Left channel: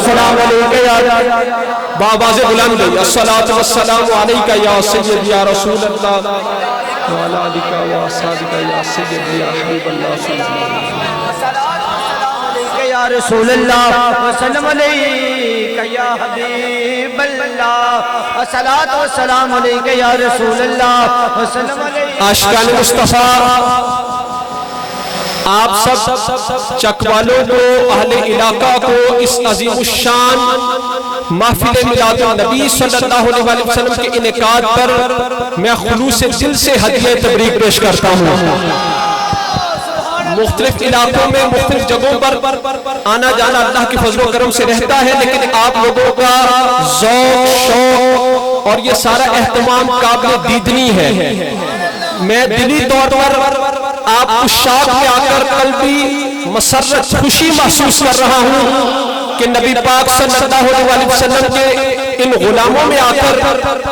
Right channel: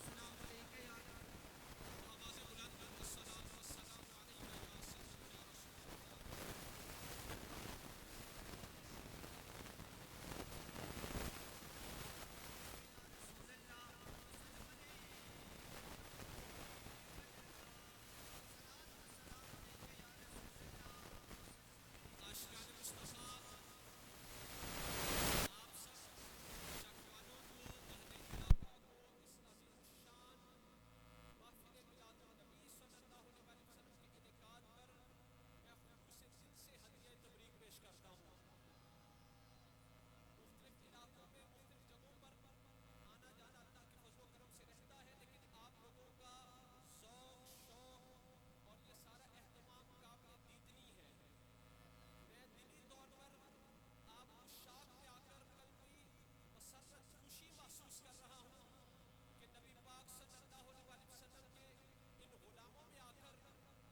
والسلام علیکہ یا بابا سے بلند الصلاۃ والسلام علیکہ یا سید یا رسول اللہ وعلی آلک و اصحابک یا سید یا حبیب اللہ صلی اللہ علیہ وسلم یا رسول اللہ وسلم علیکہ یا حبیب اللہ الصلاۃ والسلام علیکہ یا رسول اللہ وسلم علیکہ عاشقان مصطفیٰ آپ سب چک والوں کو اہل علاقہ کو اس عظیم الشان محفل میلاد النبی صلی اللہ علیہ وسلم کے انعقاد پر میں خلوص دل سے ہدیہ تبریک پیش کرتا ہوں۔ مختلف علاقوں میں مختلف جگہوں پر آنا جانا اللہ کی فضل و کرم سے رہتا ہے، لیکن آپ لوگوں کا ذوق شوق اور یہ سارا اہتمام قابل دیدنی ہے۔ میں دلی طور پر آپ کو شاق میں آ کر قلبی مسرت خوشی محسوس کر رہا ہوں کہ نبی پاک صلی اللہ علیہ وسلم کے ان غلاموں میں آ کر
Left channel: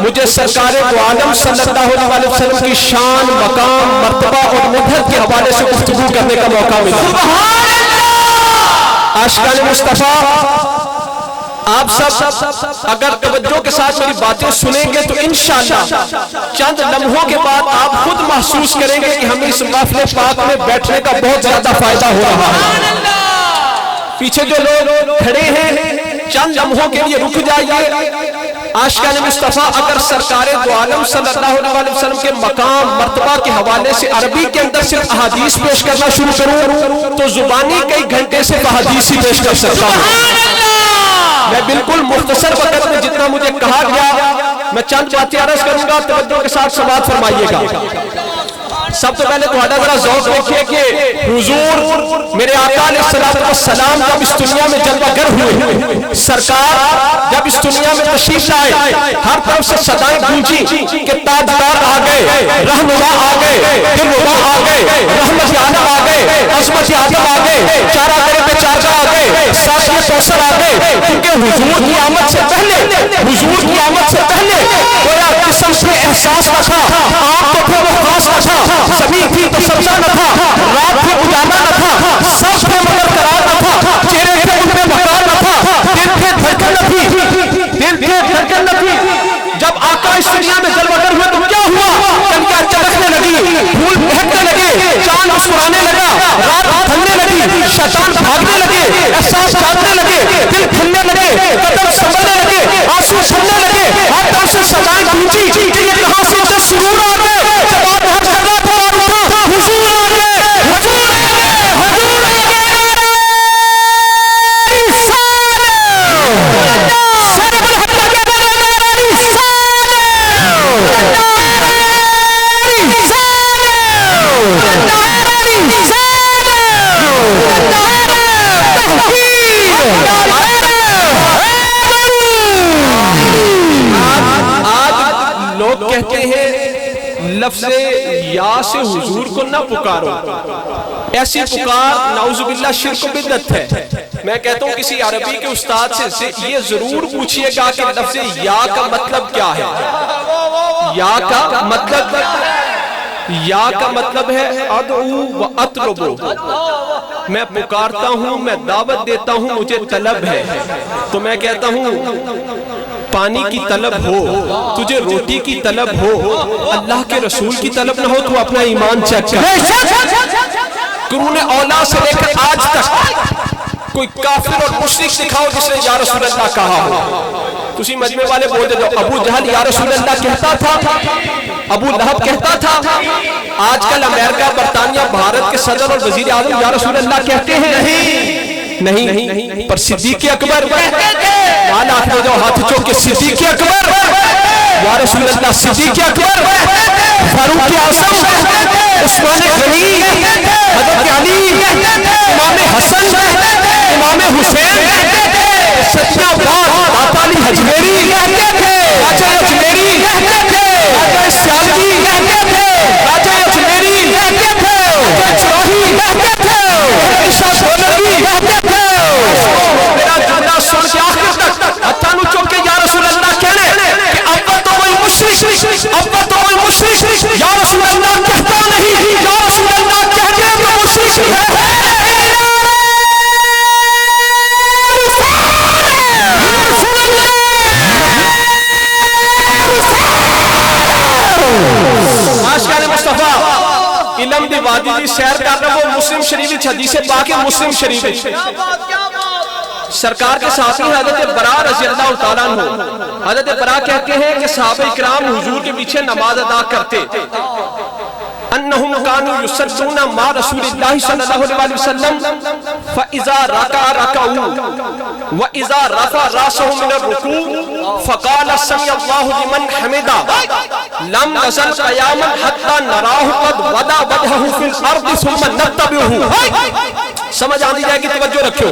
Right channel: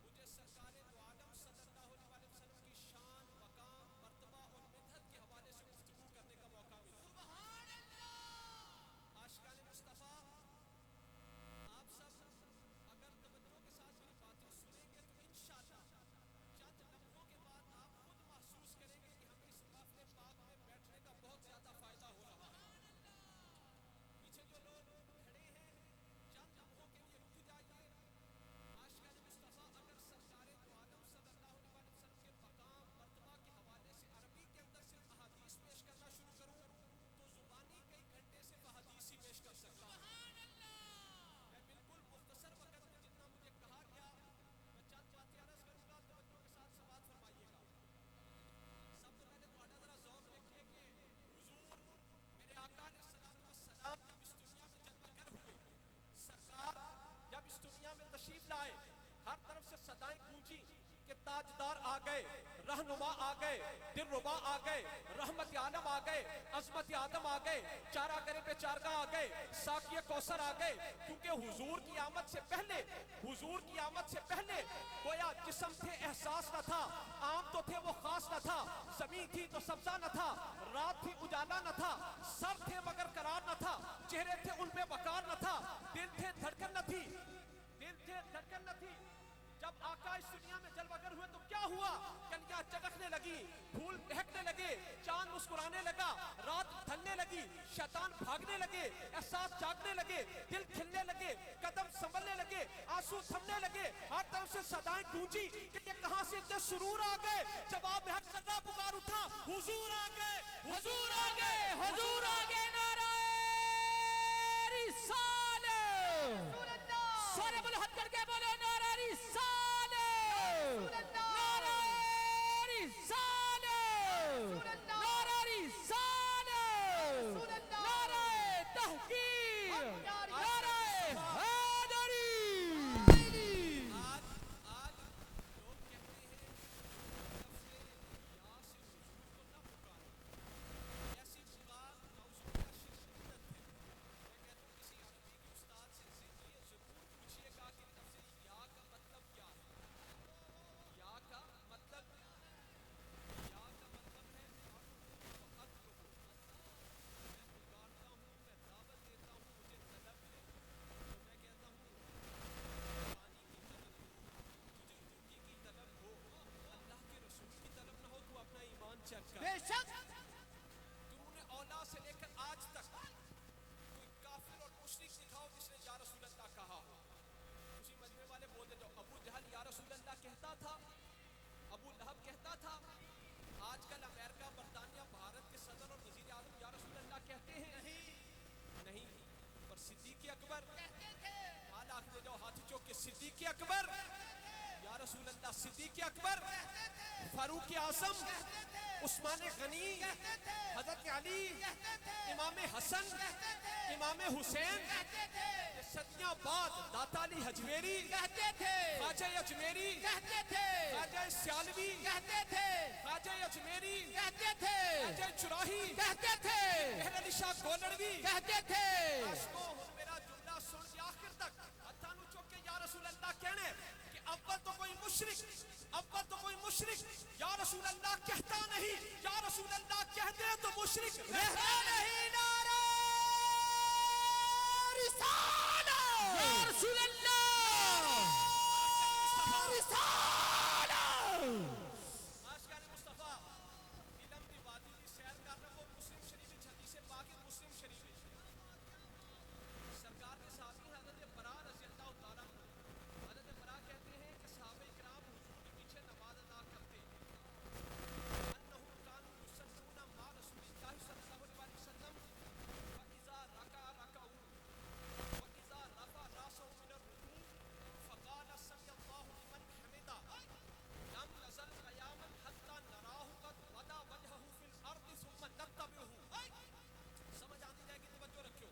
مجھے سرکار دو عالم صلی اللہ علیہ وسلم کی شان، مقام، مرتبہ اور مدحت کے حوالے سے گفتگو کرنے کا موقع ملا۔ عاشقان مصطفیٰ آپ سب اگر توجہ کے ساتھ میری باتیں سنیں گے تو انشاءاللہ چند لمحوں کے بعد آپ خود محسوس کریں گے کہ ہمیں اس محفل پاک میں بیٹھنے کا بہت زیادہ فائدہ ہو رہا ہے۔ پیچھے جو لوگ کھڑے ہیں چند لمحوں کے لیے رک جائیے۔ عاشقان مصطفیٰ اگر سرکار دو عالم صلی اللہ علیہ وسلم کے مقام مرتبہ کے حوالے سے عربی کے اندر صرف احادیث پیش کرنا شروع کروں تو زبانی کئی گھنٹے سے احادیث ہی پیش کر سکتا ہوں۔ میں بالکل مختصر وقت میں جتنا مجھے کہا گیا میں چند باتیں عرض کروں گا، توجہ کے ساتھ سماعت فرمائیے گا۔ سب تو پہلے تمہارا ذرا ذوق دیکھیے کہ حضور میرے آقا علیہ السلام جب اس دنیا میں جلوہ گر ہوئے، سرکار جب اس دنیا میں تشریف لائے، ہر طرف سے صدائیں گونجی کہ تاجدار آ گئے، رہنما آ گئے، دلربا آ گئے، رحمت عالم آ گئے، عظمت آدم آ گئے، چارہ کرے پہ چارجہ آ گئے، ساتھ کوثر آ گئے، کیونکہ حضور کی آمد سے پہلے کویا قسم سے احساس نہ تھا، آپ تو پھر وہ خاص نہ تھا، زمین تھی تو سبزہ نہ تھا، رات تھی اجالا نہ تھا، سب تھے مگر قرار نہ تھا، چہرے تھے ان میں وقار نہ تھا، دل تھے دھڑکن نہ تھی۔ جب آقا اس دنیا میں جلوہ گر ہوئے تو کیا ہوا؟ کنکیاں چمکنے لگی، پھول بہکنے لگے، چاند مسکرانے لگا، رات تھمنے لگی، شیطان بھاگنے لگے، احساس جاننے لگے، دل کھلنے لگے، قدم سنبھلنے لگے، آنسو چھلنے لگے، ہر طرف سے صدائیں گونجی کہ یہ کہاں سے اتنے سرور آ گئے، جب آپ ہر جگہ پر اٹھا حضور آ گئے، حضور آ گئے، حضور آ گئے، کہتے ہیں لفظ یا سے حضور کو نہ پکارو، ایسی پکار نعوذ باللہ شرک و بدعت ہے۔ میں کہتا ہوں کسی عربی کے استاد سے یہ ضرور پوچھئے گا کہ لفظ یا کا مطلب کیا ہے۔ یا کا مطلب ہے ادعو و اطلبو، میں پکارتا ہوں، میں دعوت دیتا ہوں، مجھے طلب ہے۔ تو میں کہتا ہوں پانی کی طلب ہو، تجھے روٹی کی طلب ہو، اللہ کے رسول کی طلب نہ ہو تو اپنا ایمان چیک کر۔ قرون اولا سے لے کر آج تک کوئی کافر اور مشرک دکھاؤ جس نے یا رسول اللہ کہا ہو۔ تسی مجمع والے بول دے دو ابو جہل یا رسول اللہ کہتا تھا، ابو لہب کہتا تھا، آج کل امریکہ، برطانیہ، بھارت کے صدر اور وزیر اعظم یا رسول اللہ کہتے ہیں نہیں، پر صدیق اکبر مالا آخر جو ہاتھ چوکے صدیق اکبر یا رسول اللہ، صدیق اکبر، فاروق اعظم، عثمان غنی، حضرت علی، امام حسن، امام حسین، ستیہ بار داتا علی حجمیری، راجہ اجمیری، راجہ سیالوی، راجہ اجمیری، راجہ چراہی، عیشہ دولوی، میرا جملہ سن کے آخر تک اتانو چوکے یا رسول اللہ کہنے کہ اب تو کوئی مشرک یا رسول اللہ کہتا نہیں، یا رسول اللہ کہتے تو مشرک ہے۔ نیلم دی وادی دی سیر کر رہا وہ مسلم شریف حدیث پاک مسلم شریف سرکار کے ساتھی حضرت برا رضی اللہ تعالیٰ عنہ حضرت برا کہتے ہیں کہ صحابہ کرام حضور کے پیچھے نماز ادا کرتے انہم کانوا یصلون مع رسول اللہ صلی اللہ علیہ وسلم فاذا رکع رکعوا واذا رفع راسه من الركوع فقال سمع الله لمن حمده لم نزل قیاما حتى نراه قد وضع وجهه في الارض ثم نتبعه. سمجھ آنی جائے گی، توجہ رکھو.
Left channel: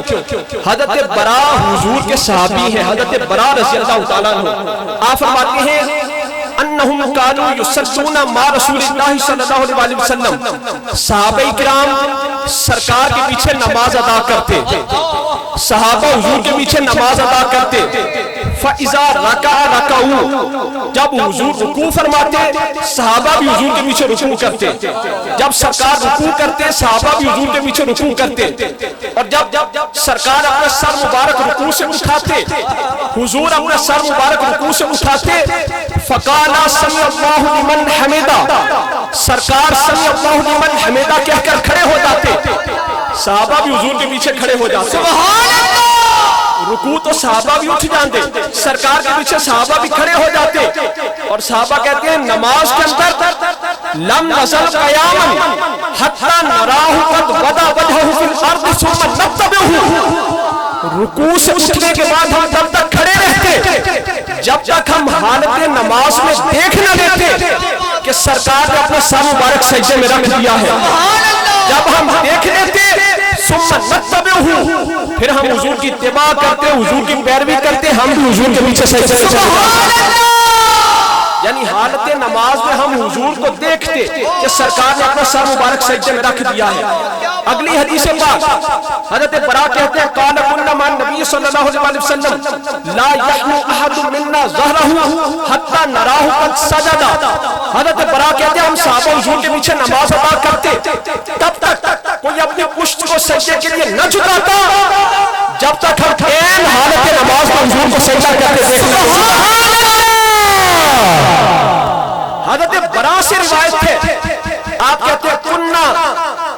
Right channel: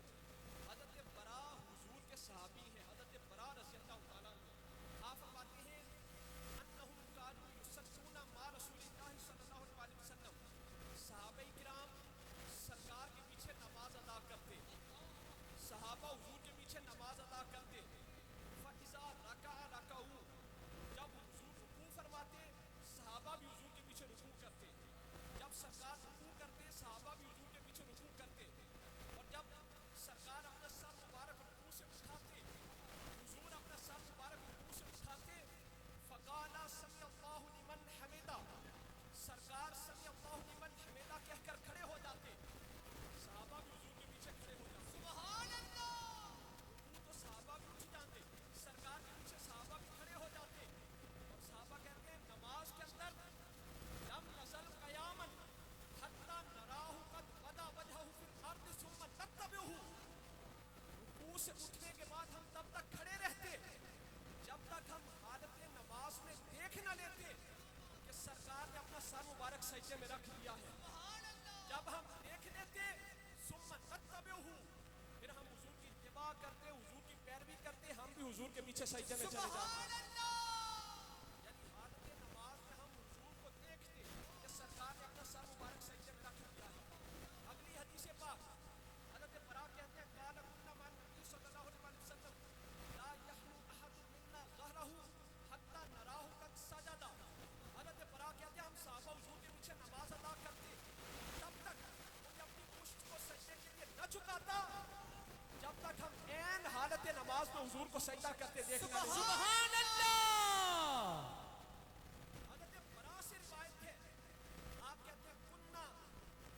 حضرت برا حضور کے صحابی ہیں، حضرت برا رضی اللہ تعالیٰ عنہ. آپ فرماتے ہیں انہم کانوا یصلون مع رسول اللہ صلی اللہ علیہ وسلم، صحابہ کرام سرکار کے پیچھے نماز ادا کرتے، صحابہ حضور کے پیچھے نماز ادا کرتے. فَإِذَا رَكَعَ رَكَعُوا، جب حضور رکوع فرماتے صحابہ بھی حضور کے پیچھے رکوع کرتے، جب سرکار رکوع کرتے صحابہ بھی حضور کے پیچھے رکوع کرتے، اور جب سرکار اپنا سر مبارک رکوع سے اٹھاتے حضور اپنا سر مبارک رکوع سے اٹھاتے فَقَالَ سَمِعَ اللَّهُ لِمَنْ حَمِدَهُ، سرکار سَمِعَ اللَّهُ لِمَنْ حَمِدَهُ کہہ کر کھڑے ہو جاتے، صحابہ بھی حضور کے پیچھے کھڑے ہو جاتے. سبحان اللہ. رکوع تو صحابہ بھی اٹھ جاتے، سرکار کے پیچھے صحابہ بھی کھڑے ہو جاتے، اور صحابہ کہتے ہیں نماز کے اندر لم نزل قیاما حتی نراہ قد وضع وجہہ فی الارض ثم نتبعہ. رکوع سے اٹھنے کے بعد ہم تب تک کھڑے رہتے جب تک ہم حالت نماز میں دیکھ نہ لیتے کہ سرکار نے اپنا سر مبارک سجدے میں رکھ دیا ہے. جب ہم دیکھ لیتے ثم نتبعہ، پھر ہم حضور کی اتباع کرتے، حضور کی پیروی کرتے، ہم بھی حضور کے پیچھے سجدے میں چلے جاتے. یعنی حالت نماز میں ہم حضور کو دیکھتے کہ سرکار نے اپنا سر مبارک سجدے میں رکھ دیا ہے. اگلی حدیث پاک حضرت برا کہتے ہیں قال كنا مع النبي صلی اللہ علیہ وسلم لا يحنو احد منا ظهره حتى نراه قد سجد. حضرت برا کہتے ہیں ہم صحابہ حضور کے پیچھے نماز ادا کرتے تب تک کوئی اپنی پشت کو سجدے کے لیے نہ جھکاتا جب تک ہم عین حالت نماز میں حضور کو سجدہ کرتے دیکھتے. حضرت برا سے روایت ہے، آپ کہتے ہیں کننا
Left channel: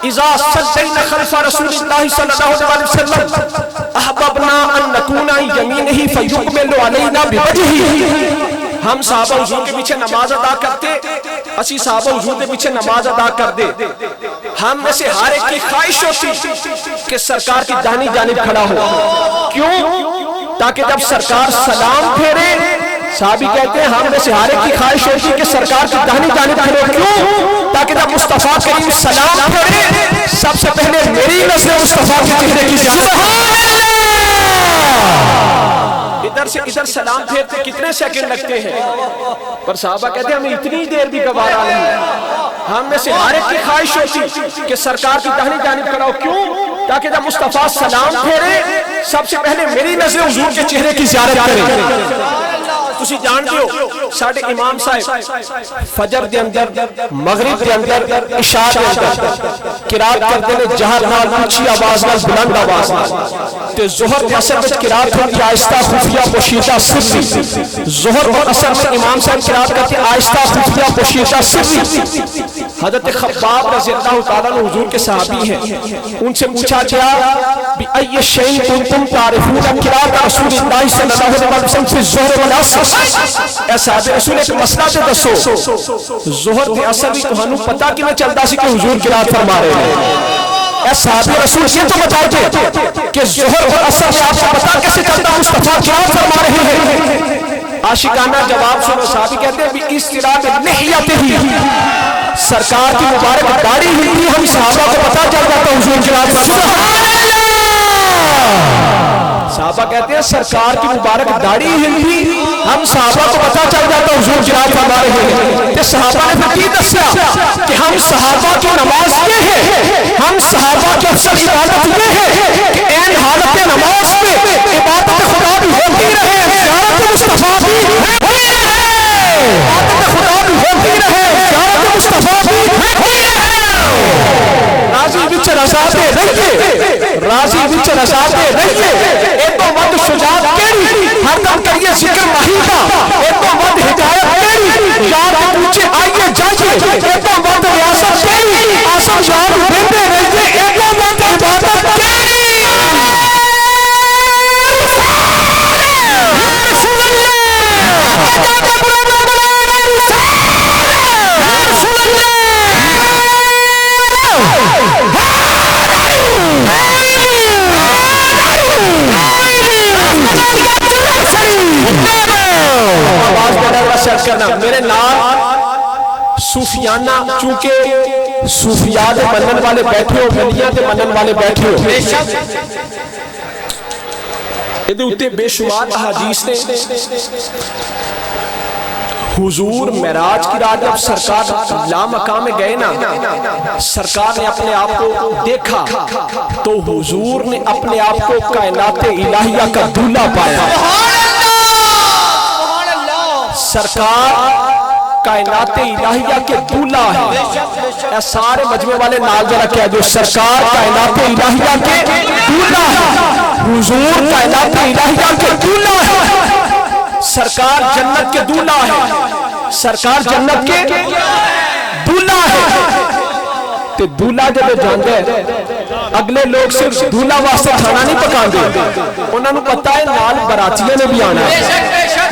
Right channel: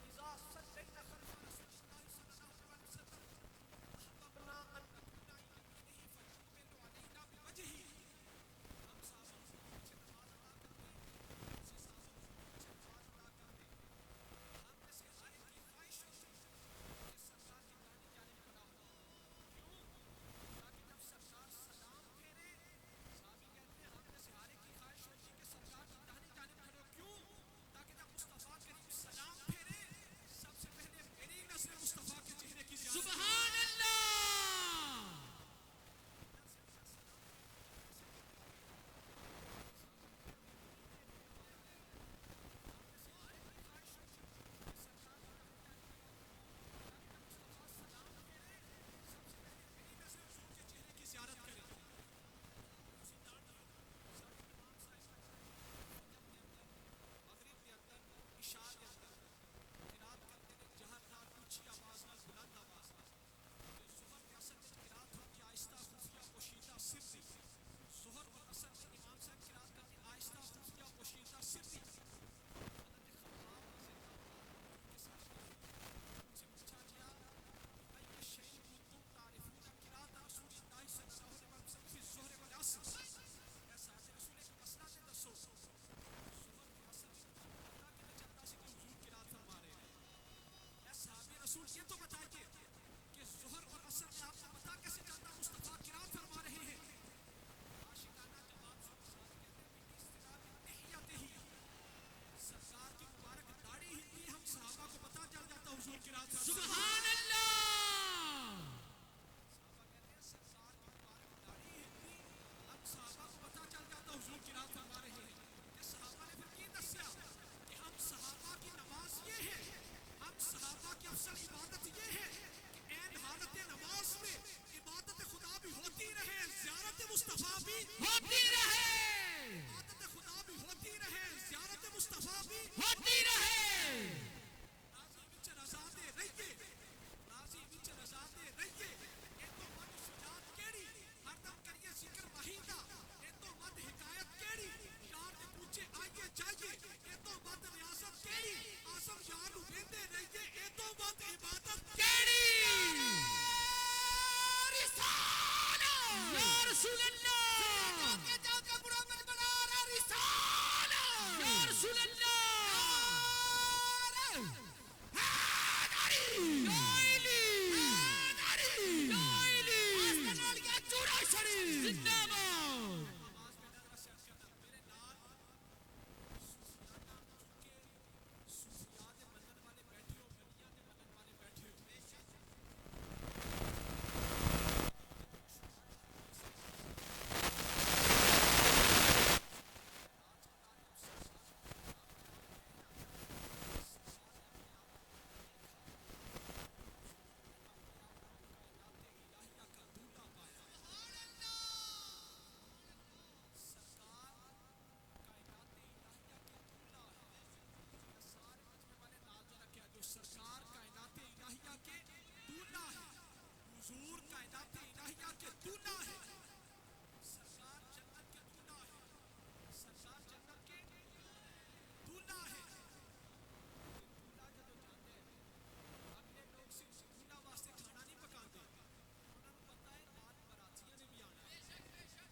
اذا صلینا خلف رسول اللہ صلی اللہ علیہ وسلم احببنا ان نکون یمینہ فیقبل علینا بوجہہ. ہم صحابہ حضور کے پیچھے نماز ادا کرتے، اسی صحابہ حضور کے پیچھے نماز ادا کر دے. ہم میں سے ہر ایک کی خواہش ہوتی کہ سرکار کی داہنی جانب کھڑا ہو. کیوں؟ تاکہ جب سرکار سلام پھیرے، صحابی کہتے ہیں ہم میں سے ہر ایک کی خواہش ہوتی کہ سرکار کی داہنی جانب کھڑے. کیوں؟ تاکہ جب مصطفیٰ کریم سلام پھیرے سب سے پہلے میری نظر مصطفیٰ کے چہرے کی جانب. ادھر سے ادھر سلام پھیرتے کتنے سیکنڈ لگتے ہیں، پر صحابہ کہتے ہیں ہمیں اتنی دیر بھی گوارا نہیں. ہم میں سے ہر ایک کی خواہش ہوتی کہ سرکار کی داہنی جانب کھڑا ہو. کیوں؟ تاکہ جب مصطفیٰ سلام پھیرے سب سے پہلے میری نظر حضور کے چہرے کی زیارت کرے. تسی جانتے ہو ساڑھے امام صاحب فجر دے اندر، مغرب دے اندر، عشاء دے اندر قرات کردے نے جہر نال، اونچی آواز نال، بلند آواز نال. تے ظہر تے عصر وچ قرات ہوندی آہستہ خفیہ پوشیدہ سری. ظہر اور عصر میں امام صاحب قرات کرتے آہستہ خفیہ پوشیدہ سری. حضرت خباب رضی اللہ تعالیٰ عنہ حضور کے صحابی ہیں، ان سے پوچھا گیا بِأَيِّ شَيْءٍ كُنتُمْ تَعْرِفُونَ قِرَاءَةَ رسول اللہ صلی اللہ علیہ وسلم فی الظہر والعصر. اے صحابہ رسول ایک مسئلہ تے دسو، ظہر تے عصر بھی تہانوں پتہ کیویں چلدا سی کہ حضور قرات فرما رہے ہیں؟ اے صحابہ رسول یہ تو بتاؤ کہ ظہر اور عصر میں آپ کو پتہ کیسے چلتا مصطفیٰ قرات فرما رہے ہیں؟ عاشقانہ جواب سنو. صحابی کہتے ہیں بِإِسْتِرَابِ لِحْيَتِهِ، سرکار کی مبارک داڑھی ہلتی، ہم صحابہ کو پتہ چل جاتا حضور قرات فرما رہے ہیں. صحابہ کہتے ہیں سرکار کی مبارک داڑھی ہلتی، ہم صحابہ کو پتہ چل جاتا حضور قرات فرما رہے ہیں. کہ صحابہ نے پھر کی دسیا کہ ہم صحابہ کی نماز یہ ہے، ہم صحابہ کی افضل عبادت یہ ہے کہ این حالت نماز میں عبادت خدا بھی ہوتی رہے، زیارت مصطفیٰ بھی ہوئی رہے، عبادت خدا بھی ہوتی رہے، زیارت مصطفیٰ بھی ہوئی رہے. راضی بچ رضاتے رہیے، راضی بچ رضاتے رہیے. ایک تو ود شجاعت کیڑی، ہر دم کریے ذکر مہی کا. ایک تو ود ہدایت کیڑی، یاد پوچھے آئیے جائیے. ایک تو ود ریاست کیڑی، یاد دیتے رہتے ایک وقت عبادت میرے نام صوفیانہ چونکہ صوفیاء دے منن والے بیٹھے ہو ولیاں دے منن والے بیٹھے ہو یہ اتے بے شمار احادیث نے حضور معراج کی رات جب سرکار لامقام میں گئے نا سرکار نے اپنے آپ کو دیکھا تو حضور نے اپنے آپ کو کائنات الہیہ کا دولہ پایا سرکار کائنات الہیہ کے دولہ ہے اے سارے مجمع والے نال جرا کیا جو سرکار کائنات الہیہ کے دولہ ہے حضور کائنات الہیہ کے دولہ ہے سرکار جنت کے دولہ ہے سرکار جنت کے دولہ ہے تے دولہ جب جاندے اگلے لوگ صرف دولہ واسطے کھانا نہیں پکان دے انہوں نے پتا ہے نال براتیاں نے بھی آنا ہے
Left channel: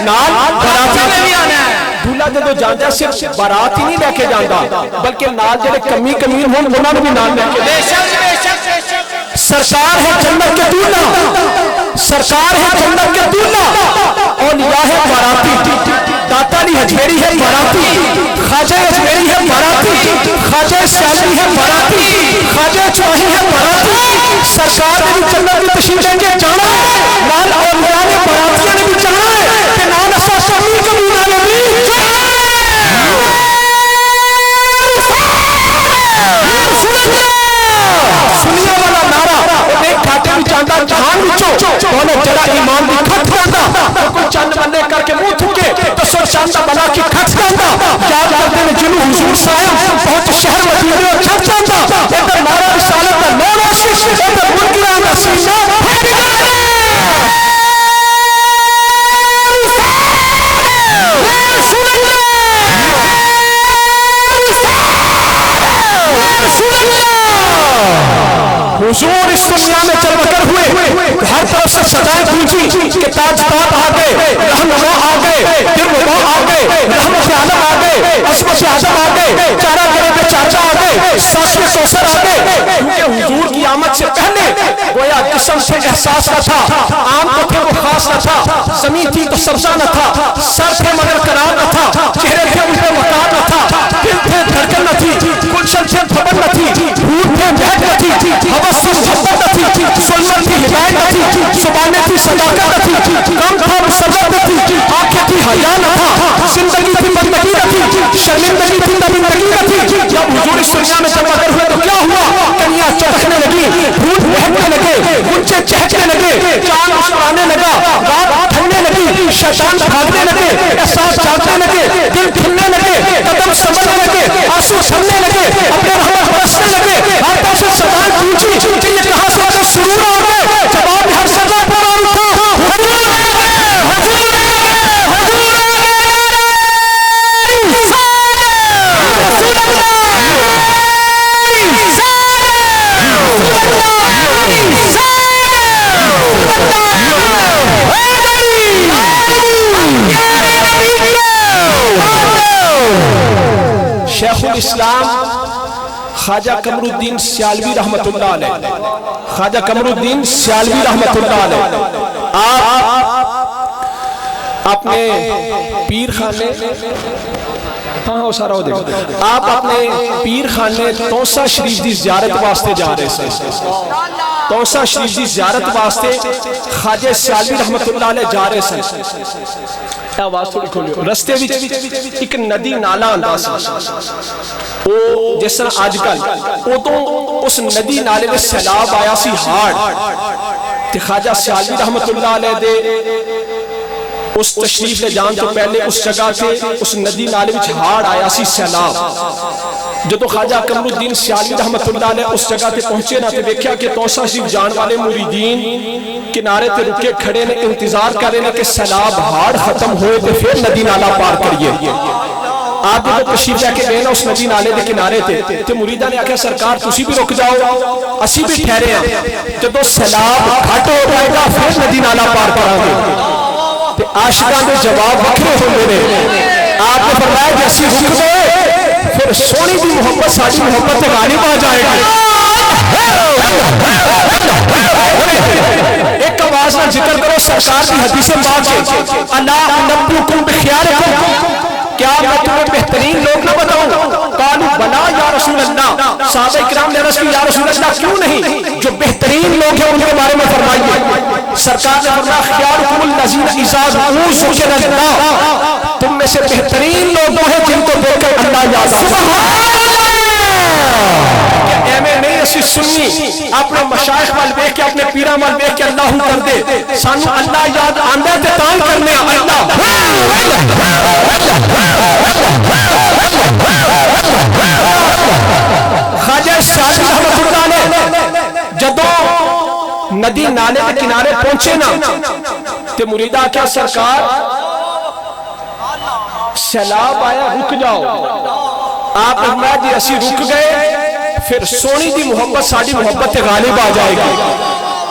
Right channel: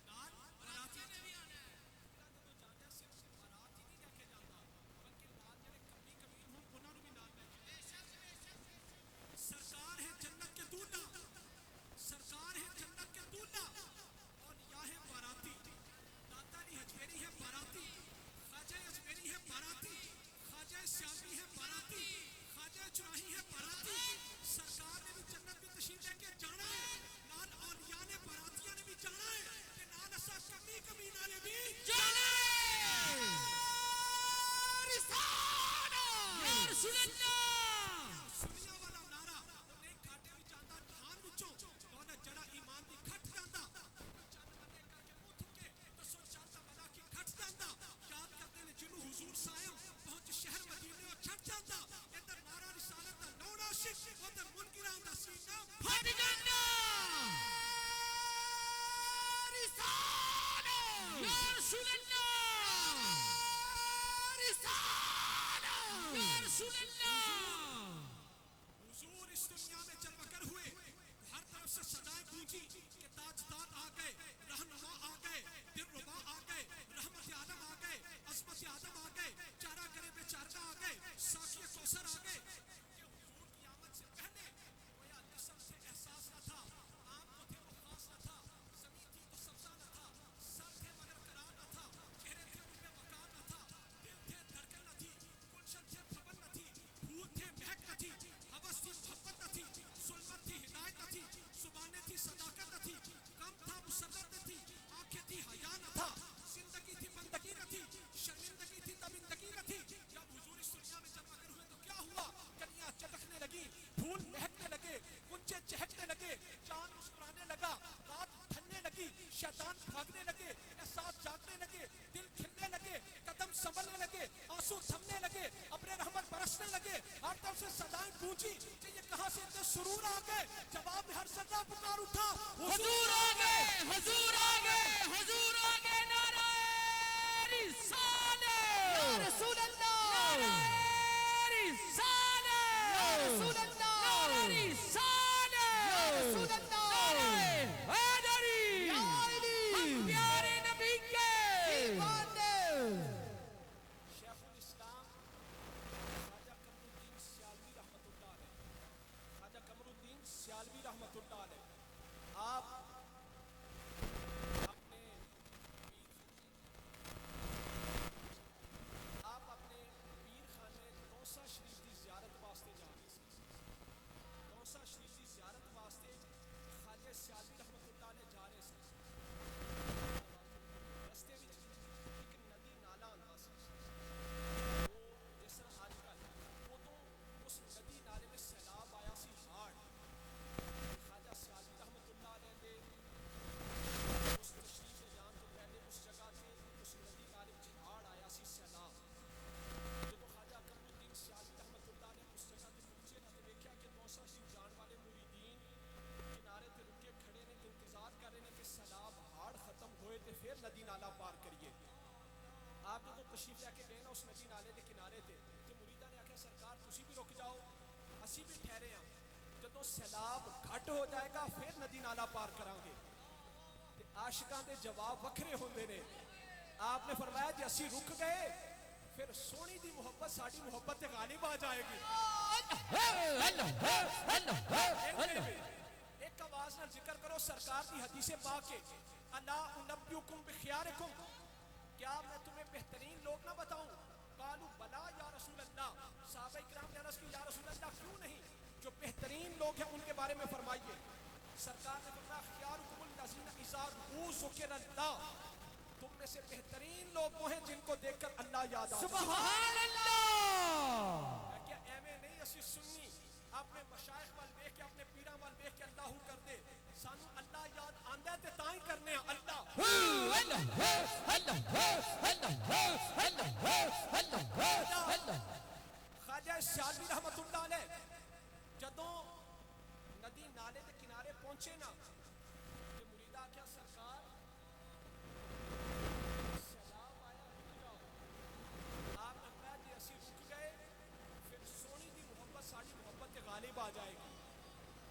نال براتیاں نے بھی آنا ہے دولہ جب جاندے صرف برات ہی نہیں لے کے جاندہ بلکہ نال جڑے کمی کمین ہوں انہوں نے بھی نال لے کے سرکار ہے جنت کے دولہ سرکار ہے جنت کے دولہ اولیاء ہے باراتی داتا علی حجویری ہے باراتی خواجہ حجویری ہے باراتی خواجہ سیالوی ہے باراتی خواجہ چواہی ہے باراتی سرکار نے بھی جنت کی تشریف لیں گے جانا ہے نال اولیاء نے براتیاں نے بھی جانا ہے کہ نال اسا شامی کمینا نے بھی سنیا والا نعرہ ایک کھاٹے بھی جاندہ جہان بچو بولے جڑا ایمان بھی کھٹ جاندہ کوئی چند بندے کر کے منہ تھکے تو سر شاندہ بنا کی کھٹ جاندہ یاد کرتے ہیں جنو حضور صاحب بہت شہر مدینے اور چھٹ جاندہ ادھر نعرہ رسالت کا نور آشش ادھر ملکیان کا سینہ پھیٹ جاندہ حضور اس دنیا میں چل بکر ہوئے ہر طرف سے صدائیں پوچھی کہ تاجداد آگئے رہنما آگئے درمبا آگئے رحمت عالم آگئے عظمت اعظم آگئے چارہ گرے پہ چاچا آگئے ساس میں کوثر آگئے کیونکہ حضور کی آمد سے پہلے گویا قسم سے احساس نہ تھا عام تو تھے وہ خاص نہ تھا زمین تھی تو سبزہ نہ تھا سر تھے مگر قرار نہ تھا چہرے تھے ان پہ وقار نہ تھا دل تھے دھڑکن نہ تھی گلشن تھے تھپن نہ تھی بھوت تھے مہک نہ تھی حوث تھی محبت نہ تھی سلمت تھی ہدایت نہ تھی زبانیں تھی صداقت نہ تھی کم تھا مسلط نہ تھی آنکھیں تھی حیا نہ تھا زندگی تھی بندگی نہ تھی شرمندگی تھی نمندگی نہ تھی جب حضور اس دنیا میں جمع کر ہوئے تو کیا ہوا کنیاں چرخنے لگی بھوت مہکنے لگے گنچے چہکنے لگے چاند مسکرانے لگا رات ٹھنڈنے لگی شیطان بھاگنے لگے احساس جاگنے لگے دل کھلنے لگے قدم سنبھلنے لگے آنسو چھلنے لگے اپنے رحمت برسنے لگے ہر طرف سے صدائیں پوچھی کہ یہ کہاں سے آگے سرور آ گئے جواب ہر صدا پر آ اٹھا شیخ الاسلام خواجہ قمر الدین سیالوی رحمت اللہ علیہ خواجہ قمر الدین سیالوی رحمت اللہ علیہ آپ اپنے پیر خانے ہاں سارا ہو دیکھو آپ اپنے پیر خانے توسا شریف دی زیارت واسطے جا رہے سے توسا شریف دی زیارت واسطے خواجہ سیالوی رحمت اللہ علیہ جا رہے سے آواز تھوڑی کھولیو رستے بھی ایک ندی نالا انداز او جس طرح آج کل او تو اس ندی نالے میں سیلاب آیا سی ہاڑ تے خواجہ سیالوی رحمت اللہ علیہ دے اس تشریف لے جان تو پہلے اس جگہ تھے اس ندی نالے وچ ہاڑ آیا سی سیلاب جو تو خواجہ قمر الدین سیالوی رحمت اللہ علیہ اس جگہ تے پہنچے نہ تے دیکھیا کہ توسا شریف جان والے مریدین کنارے تے رکے کھڑے نے انتظار کرے نے کہ سیلاب ہاڑ ختم ہوئے تے پھر ندی نالا پار کریے آپ جب تشریف لے کے گئے نا اس ندی نالے کے کنارے تھے تو مریداں نے آخیا سرکار تسی بھی رک جاؤ اسی بھی ٹھہرے ہیں جب سیلاب گھٹ ہو جائے گا پھر ندی نالا پار کریں گے تے عاشقاں دے جواب وکھرے ہوندے نے آپ نے فرمایا کہ اسی رک گئے پھر سونی دی محبت ساری محبت تے غالب آ جائے گی ایک آواز نہ ذکر کرو سرکار کی حدیث پاک ہے الا انبئکم بخیارکم کیا میں تمہیں بہترین لوگ نہ بتاؤں قالوا بلا یا رسول اللہ صحابہ اکرام نے عرض کی یا رسول اللہ کیوں نہیں جو بہترین لوگ ہیں ان کے بارے میں فرمائیے سرکار نے فرمایا خیارکم الذین اذا ذکر اللہ تم میں سے بہترین لوگ ہیں جن کو دیکھ کر اللہ یاد آتا نہیں اسی سنی اپنے مشائخ وال دیکھ کے اپنے پیرا وال دیکھ کے اللہ کر دے سانو اللہ یاد آندا تے تان کرنے اللہ خواجہ شاہ رحمۃ اللہ علیہ جدوں ندی نالے کے کنارے پہنچے نا تے مریداں کیا سرکار سیلاب آیا رک جاؤ آپ فرمایا جی اسی رک گئے پھر سونی دی محبت ساری محبت غالب آ جائے گی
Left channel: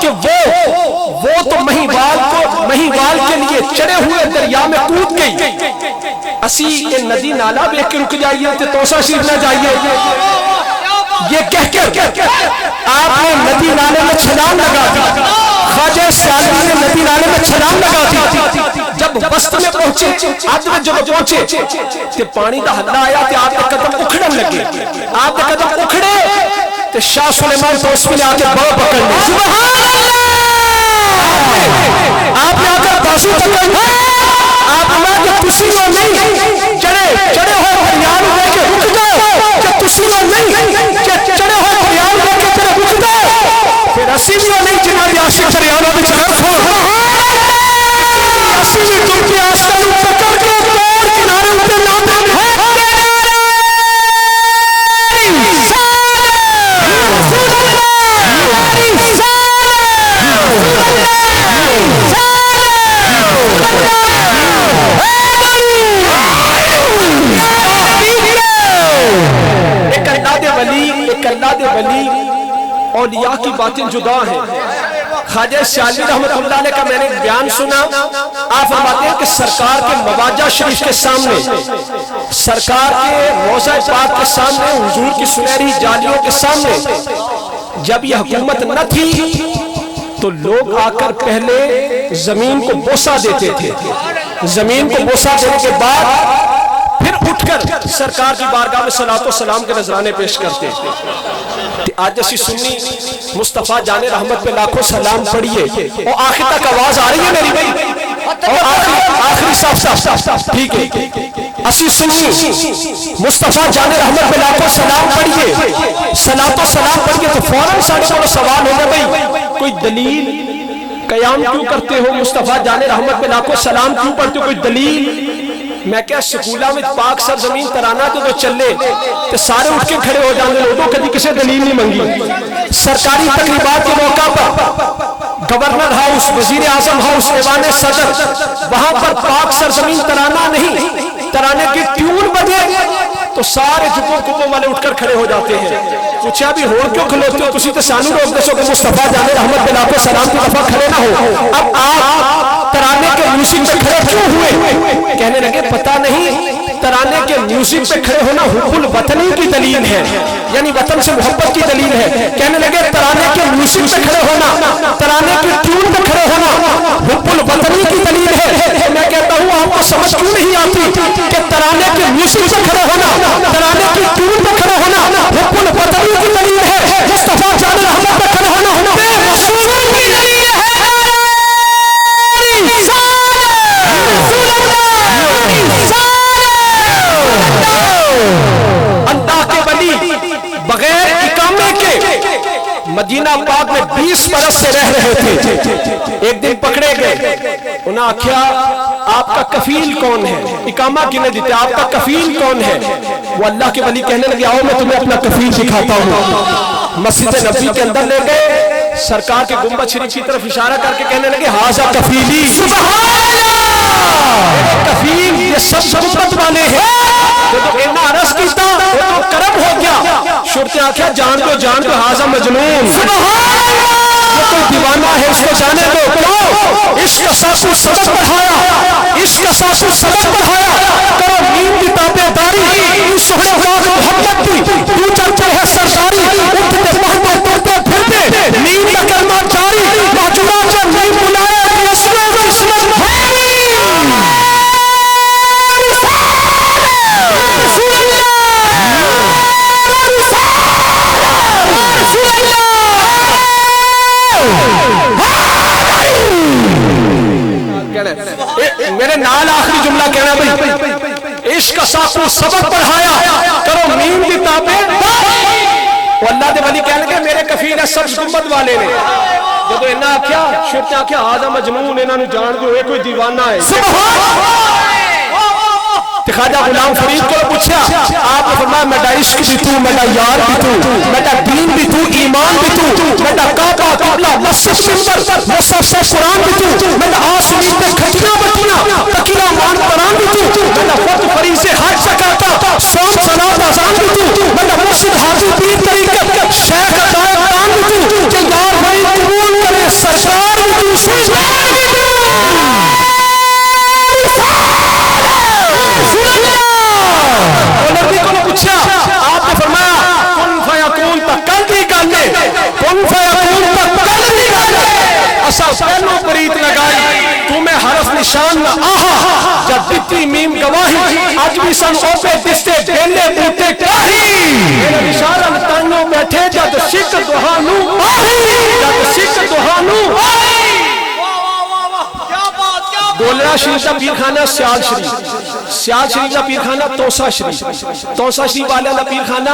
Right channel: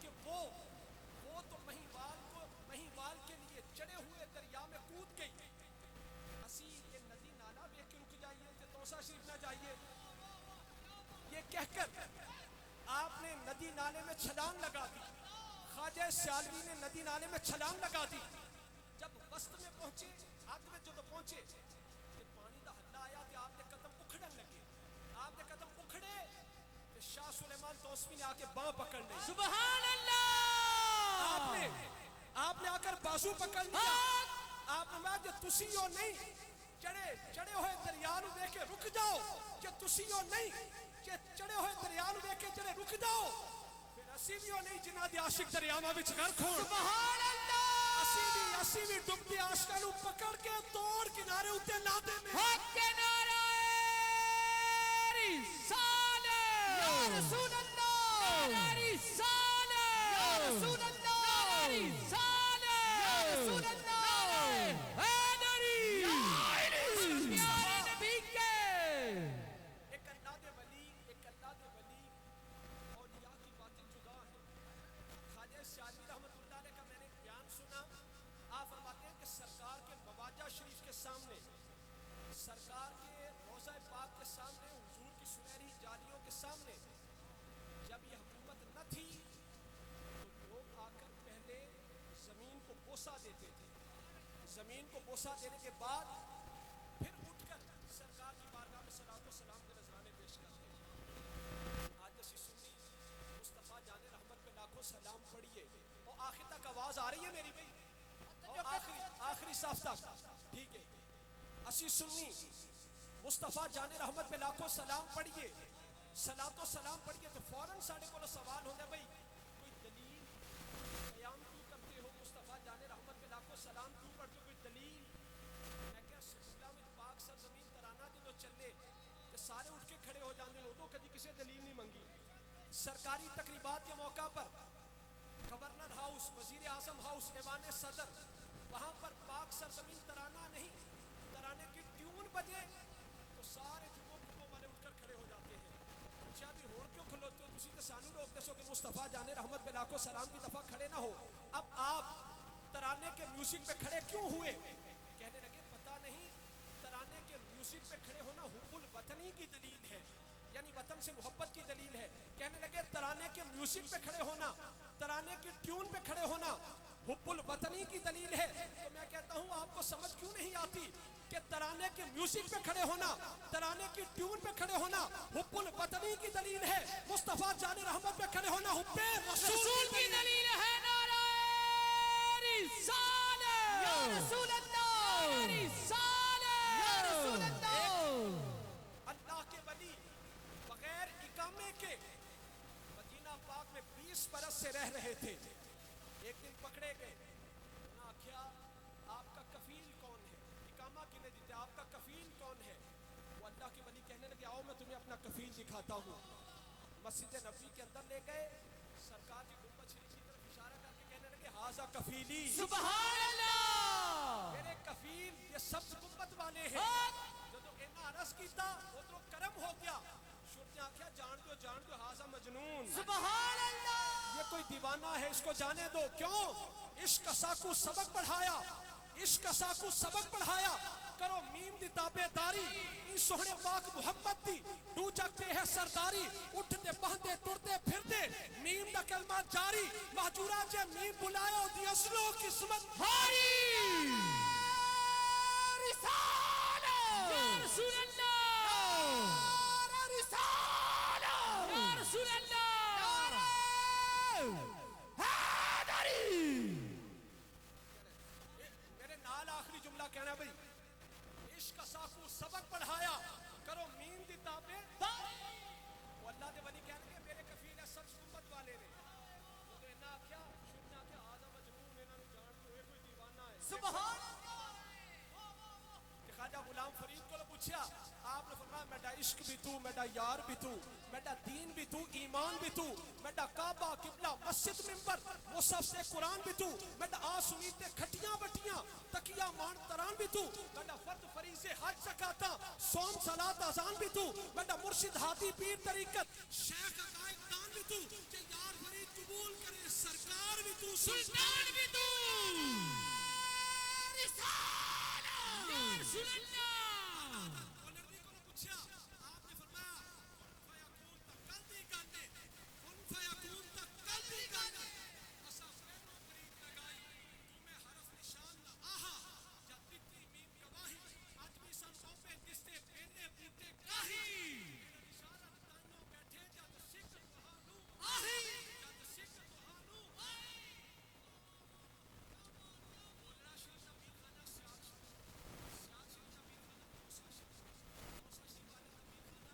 کہ وہ تو مہیوال کے لیے چڑھے ہوئے دریا میں کود گئی اسی یہ ندی نالا بیک کے رک جائیے تے توسا شریف نہ جائیے یہ کہہ کر آپ نے ندی نالے میں چھلانگ لگا دی خواجہ سیالوی نے ندی نالے میں چھلانگ لگا دی جب وسط میں پہنچے آج میں جب پہنچے تے پانی دا حلہ آیا تے آپ کے قدم اکھڑن لگے آپ کے قدم اکھڑے تے شاہ سلیمان توسوی نے آگے بڑا پکڑ لے سبحان اللہ آپ نے آگے بازو پکڑ لے آپ نے کہ تسی وہ نہیں چڑھے ہوئے پریان ہوئے کہ رک جاؤ کہ تسی وہ نہیں کہ چڑھے ہوئے پریان ہوئے کہ تیرے رک جاؤ پھر اسی بھی وہ نہیں جنہاں بھی عاشق پریانوں بھی چڑھر کھو اسی بھی تم کی آسکن پکڑ کے توڑ کنارے ہوتے لاتے ہیں ایک اللہ دے ولی اولیاء کی باتیں جدا ہیں خواجہ سیالوی رحمت اللہ علیہ کا میں نے بیان سنا آپ فرماتے ہیں کہ سرکار کے مواجہ شریف کے سامنے سرکار کے روضہ پاک کے سامنے حضور کی سنہری جالیوں کے سامنے جب یہ حکومت نہ تھی تو لوگ آ کر پہلے زمین کو بوسہ دیتے تھے زمین کو بوسہ دینے کے بعد پھر اٹھ کر سرکار کی بارگاہ میں صلاۃ و سلام کے نذرانے پیش کرتے تھے آج اسی سنی مصطفیٰ جان رحمت پہ لاکھوں سلام پڑھیے اور آخر تک آواز آ رہی ہے میری بھائی اور آخری صاف ٹھیک ہے اسی سنی مصطفیٰ جان رحمت پہ لاکھوں سلام پڑھیے صلاۃ و سلام پڑھیے تو فوراً ساڑھے کو سوال ہوگا بھائی کوئی دلیل قیام کیوں کرتے ہو مصطفیٰ جان رحمت پہ لاکھوں سلام کیوں پڑھتے ہو کوئی دلیل میں کیا سکولہ میں پاک سرزمین ترانہ تو چلے تو سارے اٹھ کے کھڑے ہو جانے لوگوں کبھی کسی دلیل نہیں منگی سرکاری تقریبات کے موقع پر گورنر ہاؤس وزیر اعظم ہاؤس ایوان صدر وہاں پر پاک سرزمین ترانہ نہیں ترانے کی ٹیون بجے تو سارے جھکوں کبوں والے اٹھ کر کھڑے ہو جاتے ہیں پوچھا بھی ہون کیوں کھلوتے ہو تسی تو سانو روک دسو کہ مصطفیٰ جان رحمت بلا کو سلام کی دفعہ کھڑے نہ ہو اب آپ ترانے کے میوزک پہ کھڑے کیوں ہوئے کہنے لگے پتہ نہیں ترانے کے میوزک پہ کھڑے ہونا حب الوطنی کی دلیل ہے یعنی وطن سے محبت کی دلیل ہے کہنے لگے ترانے کے میوزک پہ کھڑے ہونا ترانے کی ٹیون پہ کھڑے ہونا حب الوطنی کی دلیل ہے میں کہتا ہوں آپ کو سمجھ کیوں نہیں آتی کہ ترانے کے میوزک پہ کھڑے ہونا ترانے کی ٹیون پہ کھڑے ہونا حب الوطنی کی دلیل ہے مصطفیٰ جان رحمت پہ کھڑے ہونا بے رسول کی دلیل ہے اللہ کے ولی بغیر اقامے کے مدینہ پاک میں 20 برس سے رہ رہے تھے ایک دن پکڑے گئے انہیں آکھیا آپ کا کفیل کون ہے اقامہ کنے دیتے آپ کا کفیل کون ہے وہ اللہ کے ولی کہنے لگے آؤ میں تمہیں اپنا کفیل دکھاتا ہوں مسجد نبوی کے اندر لے گئے سرکار کے گنبد شریف کی طرف اشارہ کر کے کہنے لگے ہاذا کفیلی سبحان اللہ کفیل یہ سب گنبد والے ہیں شرطیں آخیا جان دو حاضر مجنون، یہ کوئی دیوانہ ہے اس کو جانے دو. کیوں؟ عشق ساسو سبق پڑھایا، عشق ساسو سبق پڑھایا. کرو نیند کی تابع داری، تو سہنے پاک محمد کی تو چلتے ہے سرداری. اٹھتے پہنتے توڑتے پھرتے نیند کا کلمہ جاری. محجورہ جب نیند بلائے اسمت میرے نال آخری جملہ کہنا بھئی، عشق ساکو سبق پڑھایا، کرو نیند کی تابع. وہ اللہ دے ولی کہنے کہ میرے کفیل ہے سبز گنبد والے نے. جب انہاں آکھیا شرطیں آکھیا آدھا مجنون، انہاں نو جان دو یہ کوئی دیوانہ ہے. خواجہ غلام فرید کو پوچھا، آپ نے فرمایا میرا عشق بھی تو، میرا یار بھی تو، میرا دین بھی تو، ایمان بھی تو، میرا کعبہ قبلہ مسجد منبر مصحف قرآن بھی تو، میرا آسمین پہ کھٹیاں بٹیاں تکیہ مان قرآن بھی تو، میرا فرد فریضے حج زکات صوم صلاۃ اذان بھی تو، میرا مرشد حاجی پیر طریقت شیخ عطائے قرآن بھی تو، کہ یار بھائی قبول کرے سرکار بھی تو، سرکار بھی تو. آپ نے فرمایا کن فیکون تا کل دی گالے، کن فیکون تا کل دی گالے. اسا پہلو پریت لگائی تمہیں حرف نشان نہ آہا، جب دیتی میم گواہی آج بھی سن اوپے دستے بیلے بوتے کاہی. میرے نشارہ نتانوں بیٹھے جد شک دہانو آہی، جد شک دہانو آہی. گولڑا شریف کا پیرخانہ سیال شریف، سیال شریف کا پیرخانہ توسا شریف، توسا شریف والے کا پیرخانہ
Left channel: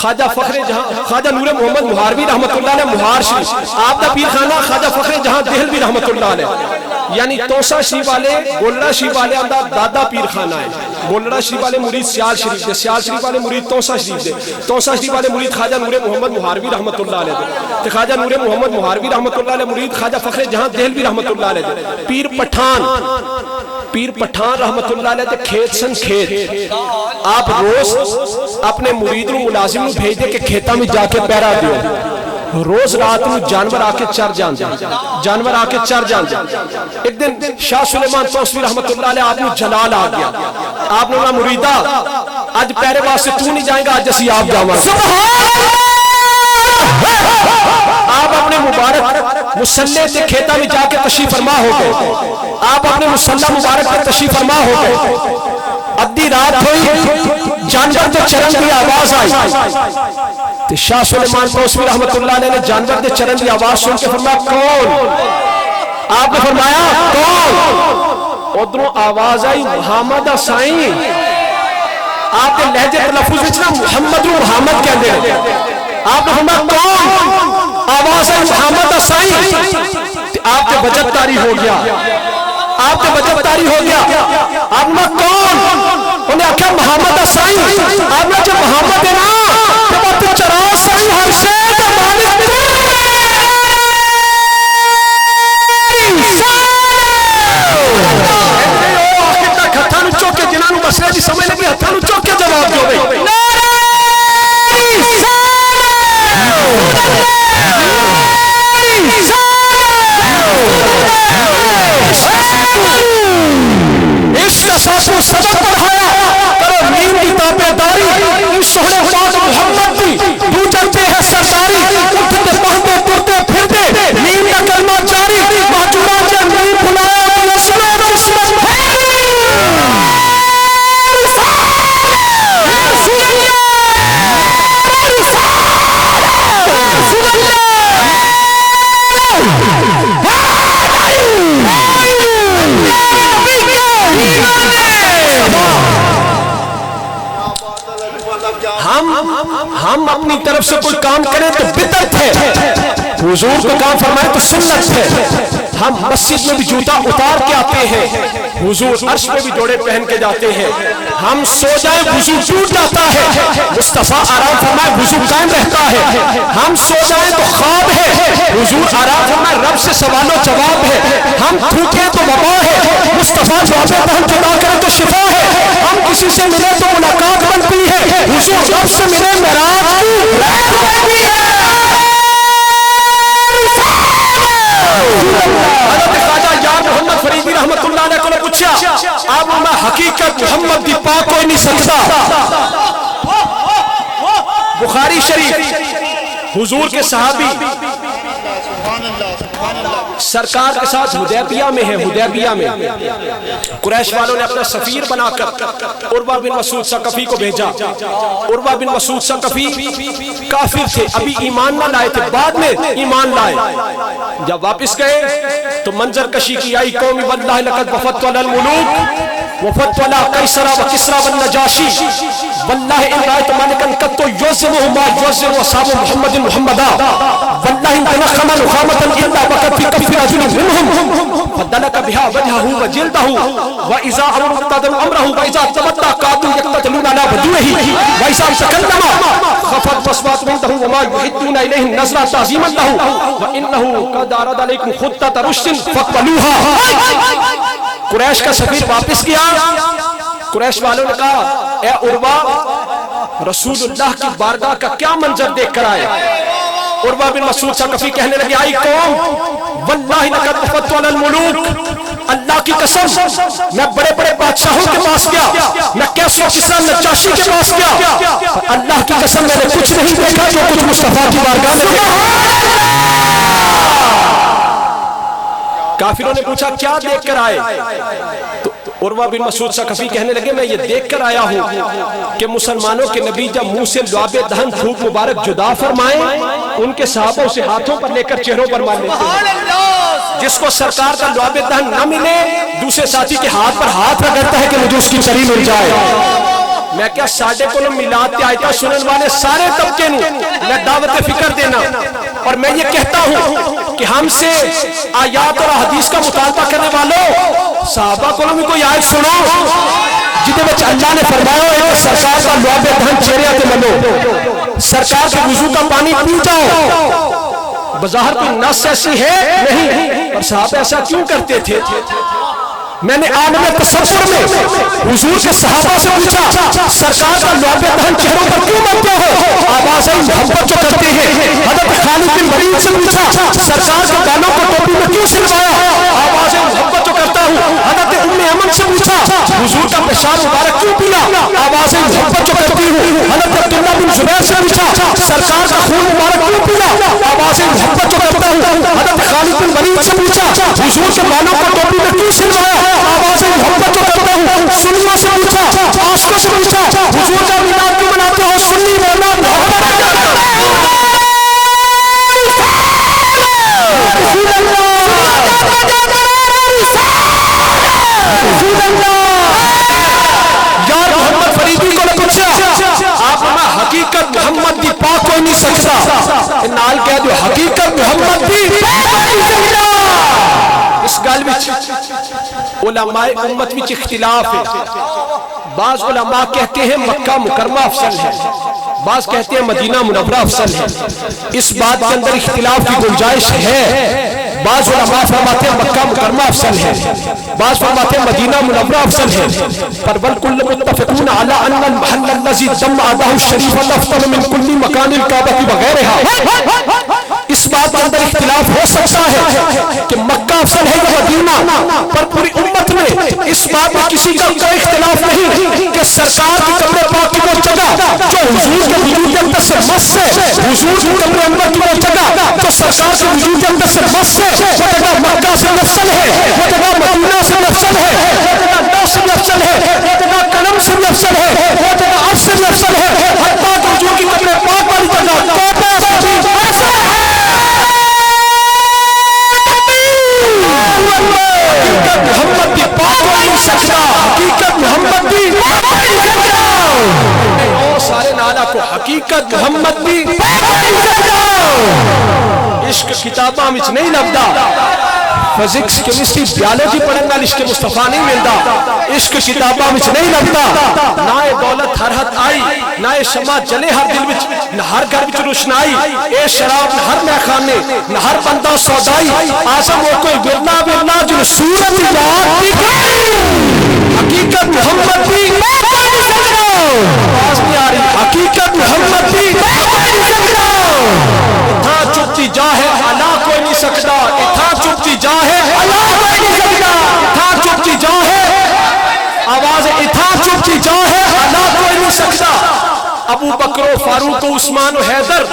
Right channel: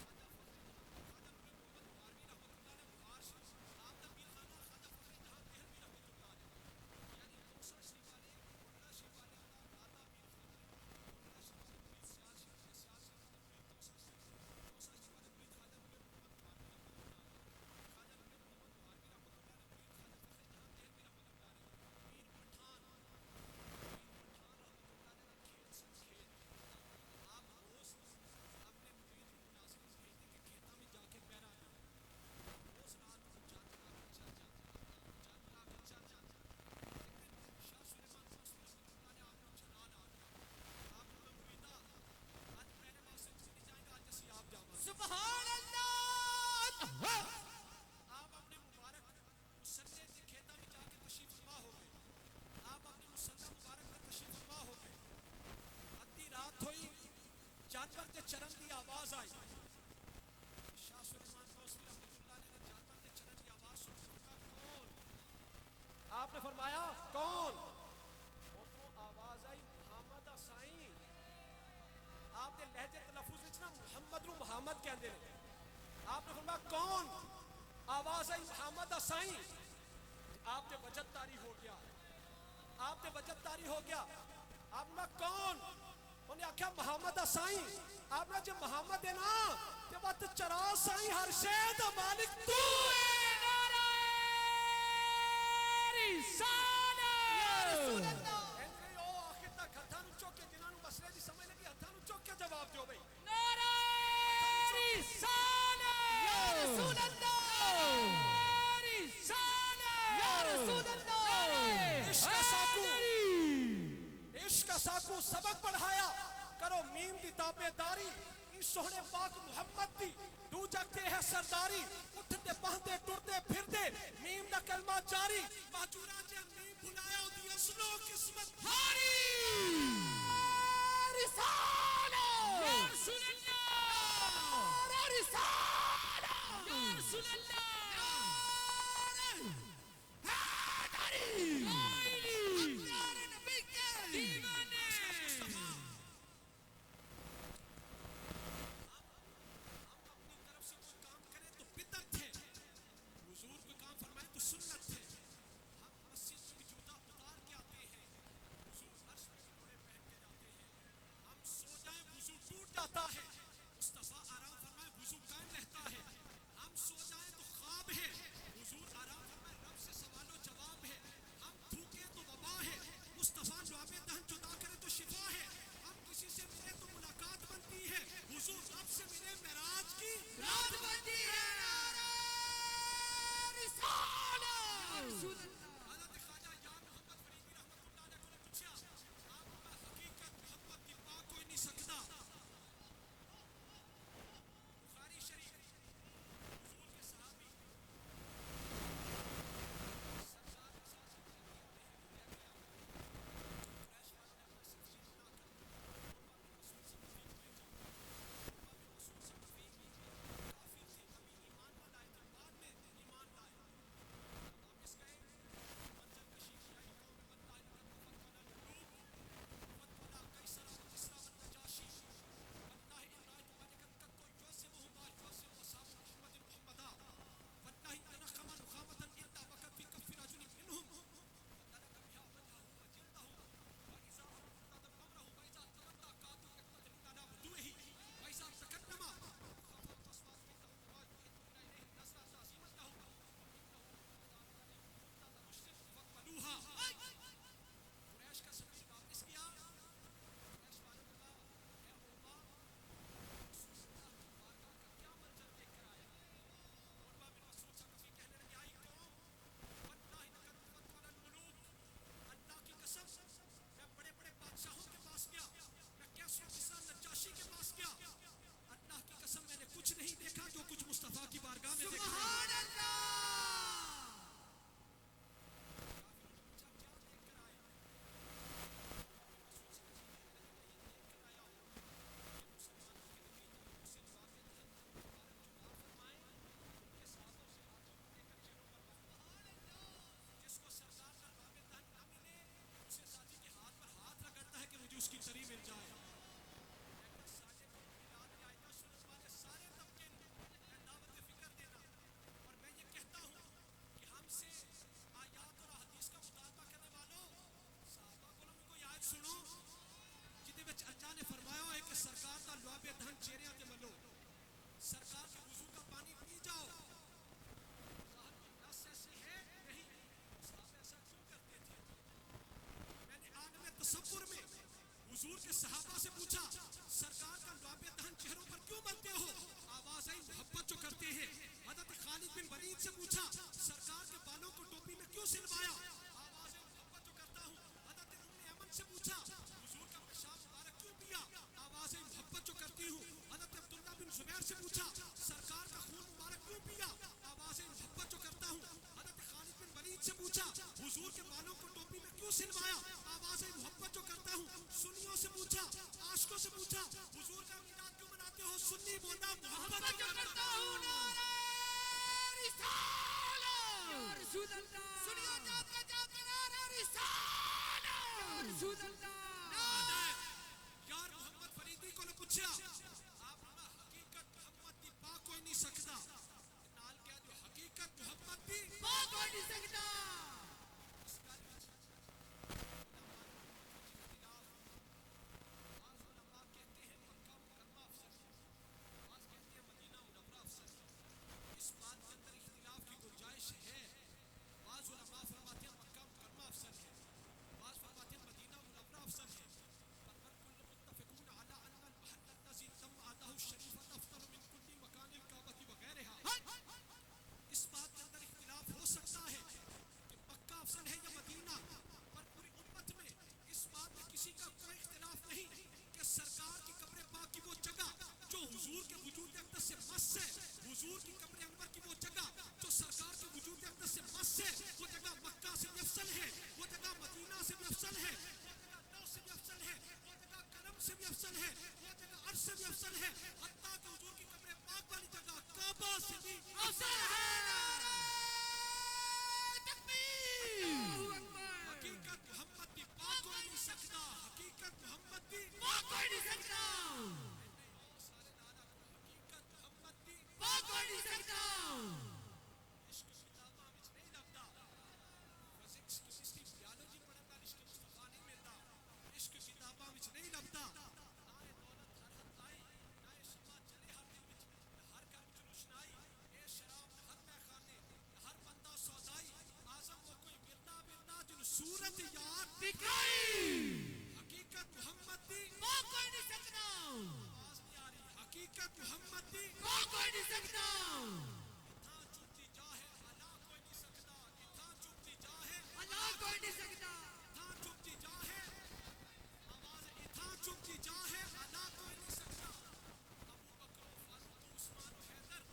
خواجہ فخر جہاں خواجہ نور محمد مہاروی رحمت اللہ علیہ مہار شریف. آپ کا پیرخانہ خواجہ فخر جہاں دہلوی رحمت اللہ علیہ. یعنی توسا شریف والے گولڑا شریف والے اندر دادا پیرخانہ ہے. گولڑا شریف والے مرید سیال شریف دے، سیال شریف والے مرید توسا شریف دے، توسا شریف والے مرید خواجہ نور محمد مہاروی رحمت اللہ علیہ دے، خواجہ نور محمد مہاروی رحمت اللہ علیہ مرید خواجہ فخر جہاں دہلوی رحمت اللہ علیہ دے. پیر پٹھان رحمت اللہ علیہ دے کھیت سن کھیت. آپ روز اپنے مرید نو ملازم نو بھیج دے کہ کھیتا میں جا کے پیرا دیو. روز رات میں جانور آ کے چر جان جائے، جانور آ کے چر جان جائے. ایک دن شاہ سلیمان توسوی رحمت اللہ علیہ آپ نے جلال آ گیا. آپ نے کہا مریدہ آج پیرے واسطے تو نہیں جائیں گا، آج اسی آپ جاواں. آپ اپنے مبارک مسلح سے کھیتا میں جا کے تشریف فرما ہو گئے. آپ اپنے مسلح مبارک پر تشریف فرما ہو گئے. ادھی رات ہوئی، جانور دے چرن کی آواز آئی. شاہ سلیمان توسوی رحمت اللہ علیہ نے جانور دے چرن کی آواز سن کے فرمایا کون؟ آپ نے فرمایا کون؟ ادھروں آواز آئی محمد سائیں. آپ نے لہجے تلفظ وچ محمد محمد کہندے ہیں. آپ نے فرمایا کون؟ آواز آئی محمد سائیں. آپ کے بجت تاری ہو گیا، آپ کے بجت تاری ہو گیا. آپ نے کون؟ انہیں آکھا محمد سائیں. آپ نے جب محمد ہے نا تو بات چرا سائیں ہر شید مالک آخر تک ہتھاں نو چوک کے جنہاں نو مسئلہ جی سمجھ لگی ہتھاں نو چوک کے جواب دو بھئی. عشق ساسو سبق پڑھایا، کرو نیند کی تابع داری. سہنے پاک محمد کی تو چلتے ہے سرداری. اٹھتے پہنتے ترتے پھرتے نیند کا کلمہ جاری. محجورہ جب نیند بلایا اسمت اسمت ہم اپنی طرف سے کوئی کام کریں تو بدعت ہے، حضور کو کام فرمائے تو سنت ہے. ہم مسجد میں بھی جوتا اتار کے آتے ہیں، حضور عرش میں بھی جوڑے پہن کے جاتے ہیں. ہم سو جائیں وضو ٹوٹ جاتا ہے، مصطفیٰ آرام فرمائے وضو قائم رہتا ہے. ہم سو جائیں تو خواب ہے، حضور آرام فرمائے رب سے سوال و جواب ہے. ہم تھوکیں تو وبا ہے، مصطفیٰ جوابیں تو ہم جدا کریں تو شفا ہے. ہم کسی سے ملے تو ملاقات بنتی ہے، حضور رب سے ملے معراج کی رات بنتی ہے۔ حضرت خواجہ یار محمد فریدی رحمت اللہ علیہ کو نے پوچھا اب میں حقیقت محمد دی پاک کوئی نہیں سکتا۔ بخاری شریف حضور کے صحابی سرکار کے ساتھ حدیبیہ میں ہے، حدیبیہ میں قریش والوں نے اپنا سفیر بنا کر عروہ بن مسعود ثقفی کو بھیجا۔ عروہ بن مسعود ثقفی کافر تھے، ابھی ایمان نہ لائے تھے، بعد میں ایمان لائے۔ جب واپس گئے تو منظر کشی کی آئی قومی واللہ لقد وفدت علی الملوک وفدت علی قیصر و کسری والنجاشی واللہ ان رأیت ملکا قط یعظمہ ما یعظم اصحاب محمد محمدا واللہ ان تنخم نخامة الا وقد في كف رجل منهم فدلك بها وجهه وجلده واذا امر اقتدر امره واذا تمدى قاتل يقتتلون على بدوه واذا تكلم خفض اصوات عنده وما يحدون اليه النظر تعظيما له وانه قد عرض عليكم خطة رشد فاقبلوها۔ قریش کا سفیر واپس گیا، قریش والوں نے کہا اے عروہ رسول اللہ کی بارگاہ کا کیا منظر دیکھ کر آئے؟ عروہ بن مسعود ثقفی کہنے لگے آئی قوم واللہ لقد وفدت علی الملوک، اللہ کی قسم میں بڑے بڑے بادشاہوں کے پاس گیا، میں کیسر و کسریٰ نجاشی کے پاس گیا، اللہ کی قسم میں نے کچھ نہیں دیکھا جو کچھ مصطفیٰ کی بارگاہ میں دیکھا۔ کافروں نے پوچھا کیا دیکھ کر آئے؟ تو عروہ بن مسعود ثقفی کہنے لگے میں یہ دیکھ کر آیا ہوں کہ مسلمانوں کے نبی جب منہ سے لعاب دہن تھوک مبارک جدا فرمائیں ان کے صحابہ اسے ہاتھوں پر لے کر چہروں پر مار لیتے ہیں۔ جس کو سرکار کا لعاب دہن نہ ملے دوسرے ساتھی کے ہاتھ پر ہاتھ رگڑتا ہے کہ مجھے اس کی چری مل جائے۔ میں کیا ساڑھے کو میلاد تے آیتہ سنن والے سارے طبقے نوں میں دعوت فکر دینا اور میں یہ کہتا ہوں کہ ہم سے آیات اور حدیث کا مطالبہ کرنے والوں صحابہ کو بھی کوئی آیت سنو جدے وچ اللہ نے فرمایا ہے سرکار کا لعاب دہن چہرے تے ملو، سرکار کے وضو کا پانی پی جاؤ۔ بظاہر کوئی نص ایسی ہے نہیں، اور صحابہ ایسا کیوں کرتے تھے؟ میں نے عالم تصور میں حضور کے صحابہ سے پوچھا سرکار کا لعاب دہن چہروں پر کیوں ملتے ہو؟ آوازیں محبت جو کرتے ہیں۔ حضرت خالد بن ولید سے پوچھا سرکار کے گانوں کو ٹوپی میں کیوں سلوایا؟ آوازیں محبت جو کرتا ہوں۔ حضرت ام ایمن سے پوچھا حضور کا پیشاب مبارک کیوں پیا؟ آوازیں محبت جو کرتی ہوں۔ حضرت عبداللہ بن زبیر سے پوچھا سرکار کا خون مبارک کیوں پیا؟ آوازیں محبت جو کرتا ہوں۔ حضرت خالد بن ولید سے پوچھا حضور کے گانوں کو ٹوپی میں کیوں سلوایا؟ آوازیں محبت جو کرتا ہوں۔ سنیوں سے پوچھا، عاشقوں سے پوچھا حضور کا میلاد کیوں مناتے ہو؟ سنی مولا محبت یار محمد فریدی کو نے پوچھا آپ میں حقیقت محمد دی پاک کوئی نہیں سکتا، نال کہہ دو حقیقت محمد دی اس گل وچ علماء امت وچ اختلاف ہے۔ بعض علماء کہتے ہیں مکہ مکرمہ افضل ہے، بعض کہتے ہیں مدینہ منورہ افضل ہے۔ اس بات کے اندر اختلاف کی گنجائش ہے۔ بعض علماء فرماتے ہیں مکہ مکرمہ افضل ہے، بعض فرماتے ہیں مدینہ منورہ افضل ہے، پر والکل متفقون علی ان المحل الذی دم اعضاء الشریف افضل من کل مکان الکعبہ وغیرہ۔ اس بات کے اندر اختلاف ہو سکتا ہے کہ مکہ افضل ہے یا مدینہ، پر پوری امت میں اس بات میں کسی کا کوئی اختلاف نہیں کہ سرکار کی قبر پاک کی وہ جگہ جو حضور کے وجود کے اندر سے مس ہے، حضور کی قبر انور کی وہ جگہ جو سرکار کے وجود کے اندر سے مس ہے، وہ جگہ مکہ سے افضل ہے، وہ جگہ مدینہ سے افضل ہے، وہ جگہ نو سے افضل ہے، وہ جگہ قلم سے افضل ہے، وہ جگہ عرش سے افضل ہے، حتیٰ کہ حضور کی قبر پاک والی جگہ کعبہ سے بھی ایسا ہے۔ حقیقت محمد دی پاک کو نہیں سکتا، حقیقت محمد دی پاک کو نہیں سکتا، سارے نالا کو حقیقت محمد دی پاک کو نہیں سکتا۔ عشق کتاباں وچ نہیں لبدا، فزکس کیمسٹری بیالوجی پڑھن نال عشق مصطفیٰ نہیں ملدا، عشق کتاباں وچ نہیں لبدا۔ نہ اے دولت ہر حد آئی، نہ اے شمع جلے ہر دل وچ، نہ ہر گھر وچ روشنائی، اے شراب نہ ہر میخانے، نہ ہر بندہ سودائی، اعظم وہ کوئی ورنہ ورنہ جو صورت یاد دکھائی، حقیقت محمد دی محمد دی اتھا چپتی جا ہے علا کوئی نہیں سکتا اتھا چپتی جا ہے علا کوئی نہیں سکتا اتھا چپتی جا ہے آواز اتھا چپتی جا ہے علا کوئی نہیں سکتا ابو بکر و فاروق و عثمان و حیدر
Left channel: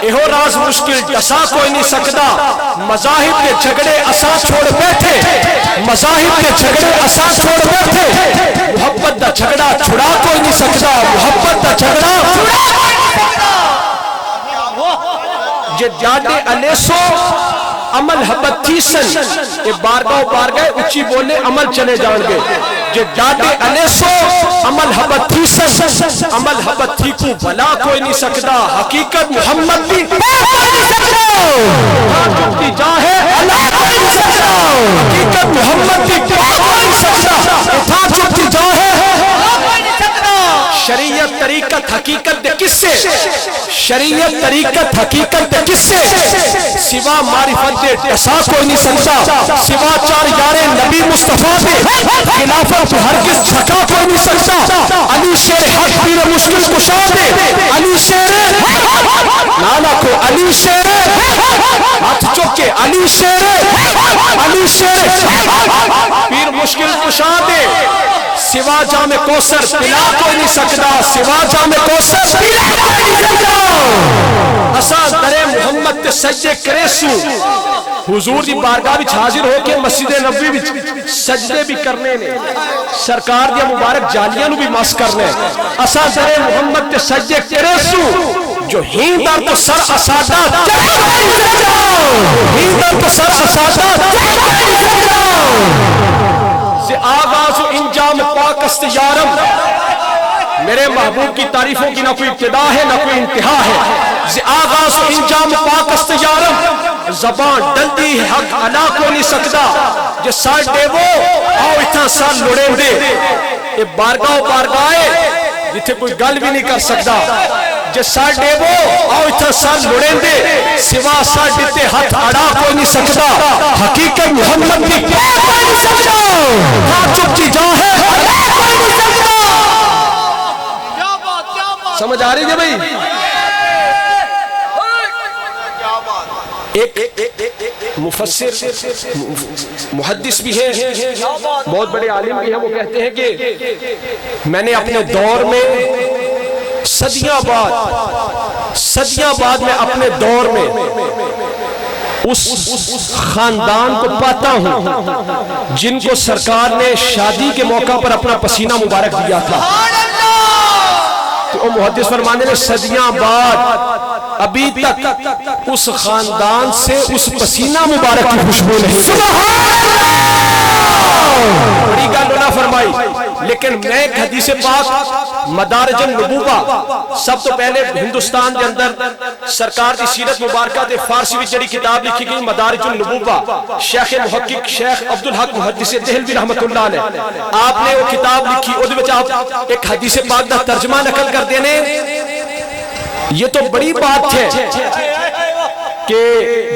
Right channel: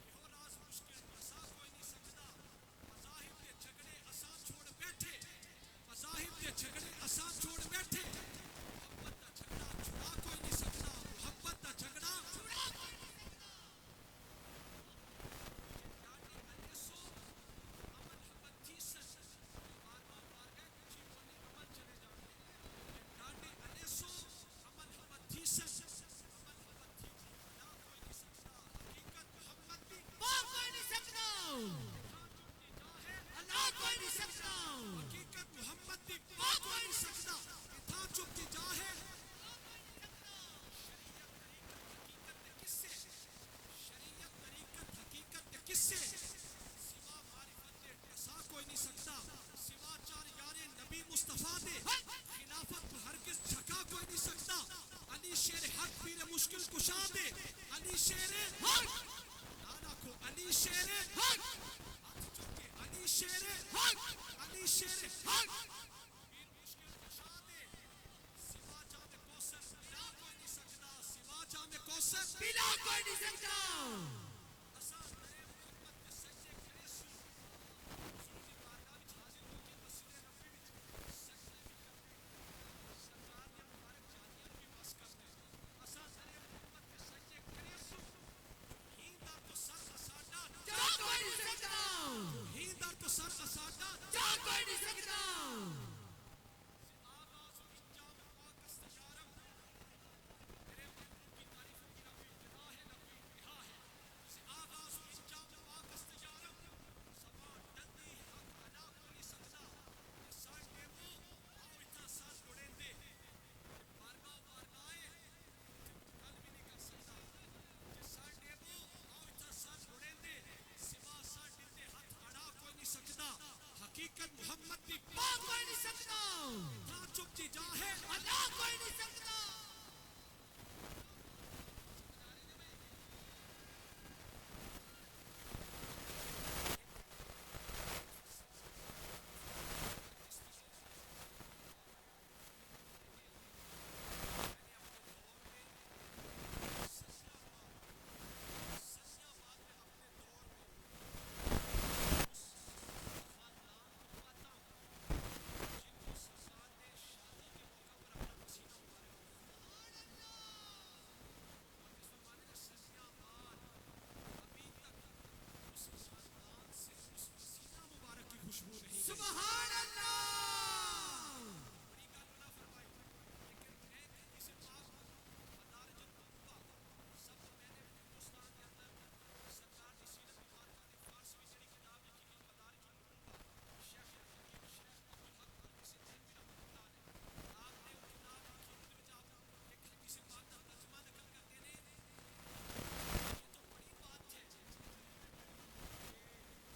ایہو راز مشکل ڈسا کوئی نہیں سکتا مذاہب کے جھگڑے اسا چھوڑ بیٹھے مذاہب کے جھگڑے اسا چھوڑ بیٹھے محبت دا جھگڑا چھڑا کوئی نہیں سکتا محبت دا جھگڑا چھڑا کوئی نہیں سکتا جے جاڑے الیسو عمل حبت تھیسن اے بارگاہ اچھی بولے عمل چلے جان گے جے جاڑے الیسو عمل حبت تھیسن عمل حبت تھی کو بلا کوئی نہیں سکتا حقیقت محمد بھی کوئی نہیں سکتا جھکتی جا ہے اللہ کوئی نہیں سکتا حقیقت محمد بھی کوئی نہیں سکتا اتھا جھکتی جا ہے شریعت طریقت حقیقت دے کس سے شریعت طریقت حقیقت دے کس سے سوا معرفت دے ڈسا کوئی نہیں سکتا سوا چار یار نبی مصطفیٰ دے خلافت ہرگز جھکا کوئی نہیں سکتا علی شیر حق پیر مشکل کشا دے علی شیر نانا کو علی شیر ہاتھ چکے علی شیر پیر مشکل کشا دے سوا جام کوثر پلا کوئی نہیں سکتا سوا جام کوثر پلا کوئی نہیں سکتا اساں درے محمد تے سجدے کرے سو حضور دی بارگاہ وچ حاضر ہو کے مسجد نبوی وچ سجدے بھی کرنے نے سرکار دی مبارک جالیاں نو بھی مس کرنے اساں درے محمد تے سجدے کرے سو جو ہیندر تو سر اسادہ ہیندر تو سر اسادہ سے آغاز و انجام پاک است یارم میرے محبوب کی تعریفوں کی نہ کوئی ابتدا ہے نہ کوئی انتہا ہے سے آغاز و انجام پاک است یارم زبان ڈلدی ہے حق علا کو نہیں سکتا جس سال دے وہ آؤ اتنا سال لڑے دے یہ بارگاہ جتھے کوئی گل بھی نہیں کر سکتا جس سال دے وہ آؤ اتنا سال لڑے دے سوا سال دیتے ہاتھ اڑا کوئی نہیں سکتا حقیقت محمد کی کوئی نہیں سکتا ہاں چپتی جا ہے کوئی نہیں سکتا سمجھ آ رہی ہے بھائی ایک مفسر محدث بھی ہے بہت بڑے عالم بھی ہیں وہ کہتے ہیں کہ میں نے اپنے دور میں صدیاں بعد میں اپنے دور میں اس خاندان کو پاتا ہوں جن کو سرکار نے شادی کے موقع پر اپنا پسینہ مبارک دیا تھا تو محدث فرمانے نے صدیاں بعد ابھی تک اس خاندان سے اس پسینہ مبارک کی خوشبو نہیں بڑی گل نہ فرمائی لیکن میں ایک حدیث پاک مدارج النبوہ سب تو پہلے ہندوستان کے اندر سرکار کی سیرت مبارکہ دے فارسی میں جڑی کتاب لکھی گئی مدارج النبوہ شیخ محقق شیخ عبدالحق محدث دہلوی رحمت اللہ علیہ آپ نے وہ کتاب لکھی اودے وچ آپ ایک حدیث پاک دا ترجمہ نقل کر دینے یہ تو بڑی بات ہے کہ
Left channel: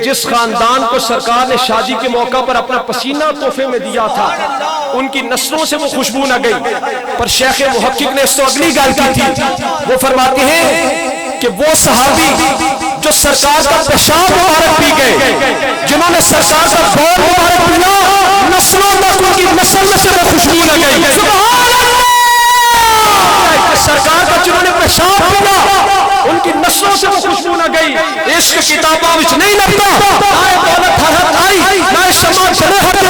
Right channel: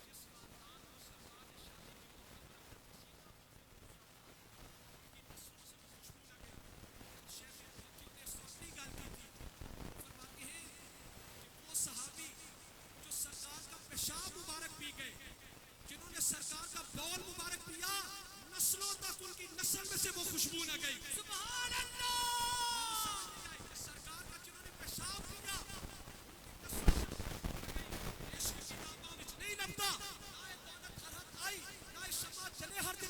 جس خاندان کو سرکار نے شادی کے موقع پر اپنا پسینہ تحفے میں دیا تھا ان کی نسلوں سے وہ خوشبو نہ گئی پر شیخ محقق نے اس تو اگلی گل کی تھی وہ فرماتے ہیں کہ وہ صحابی جو سرکار کا پیشاب مبارک پی گئے جنہوں نے سرکار کا بول مبارک پیا نسلوں تک ان کی نسل میں سے وہ خوشبو نہ گئی سرکار کا جنہوں نے پیشاب پیا ان کی نسلوں سے وہ خوشبو نہ گئی عشق کتاباں وچ نہیں لگتا نہ دولت ہر ہر آئی نہ شمع چلے ہر گھر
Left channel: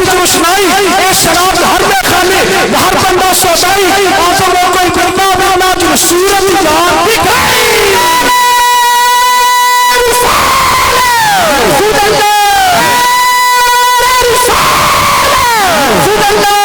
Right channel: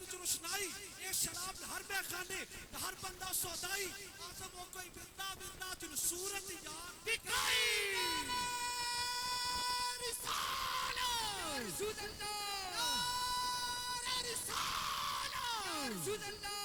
وچ روشنائی اے شراب ہر میں خانے ہر بندہ سودائی آسوں میں کوئی بندہ بنا جو صورت جان دکھائی رسول اللہ رسول اللہ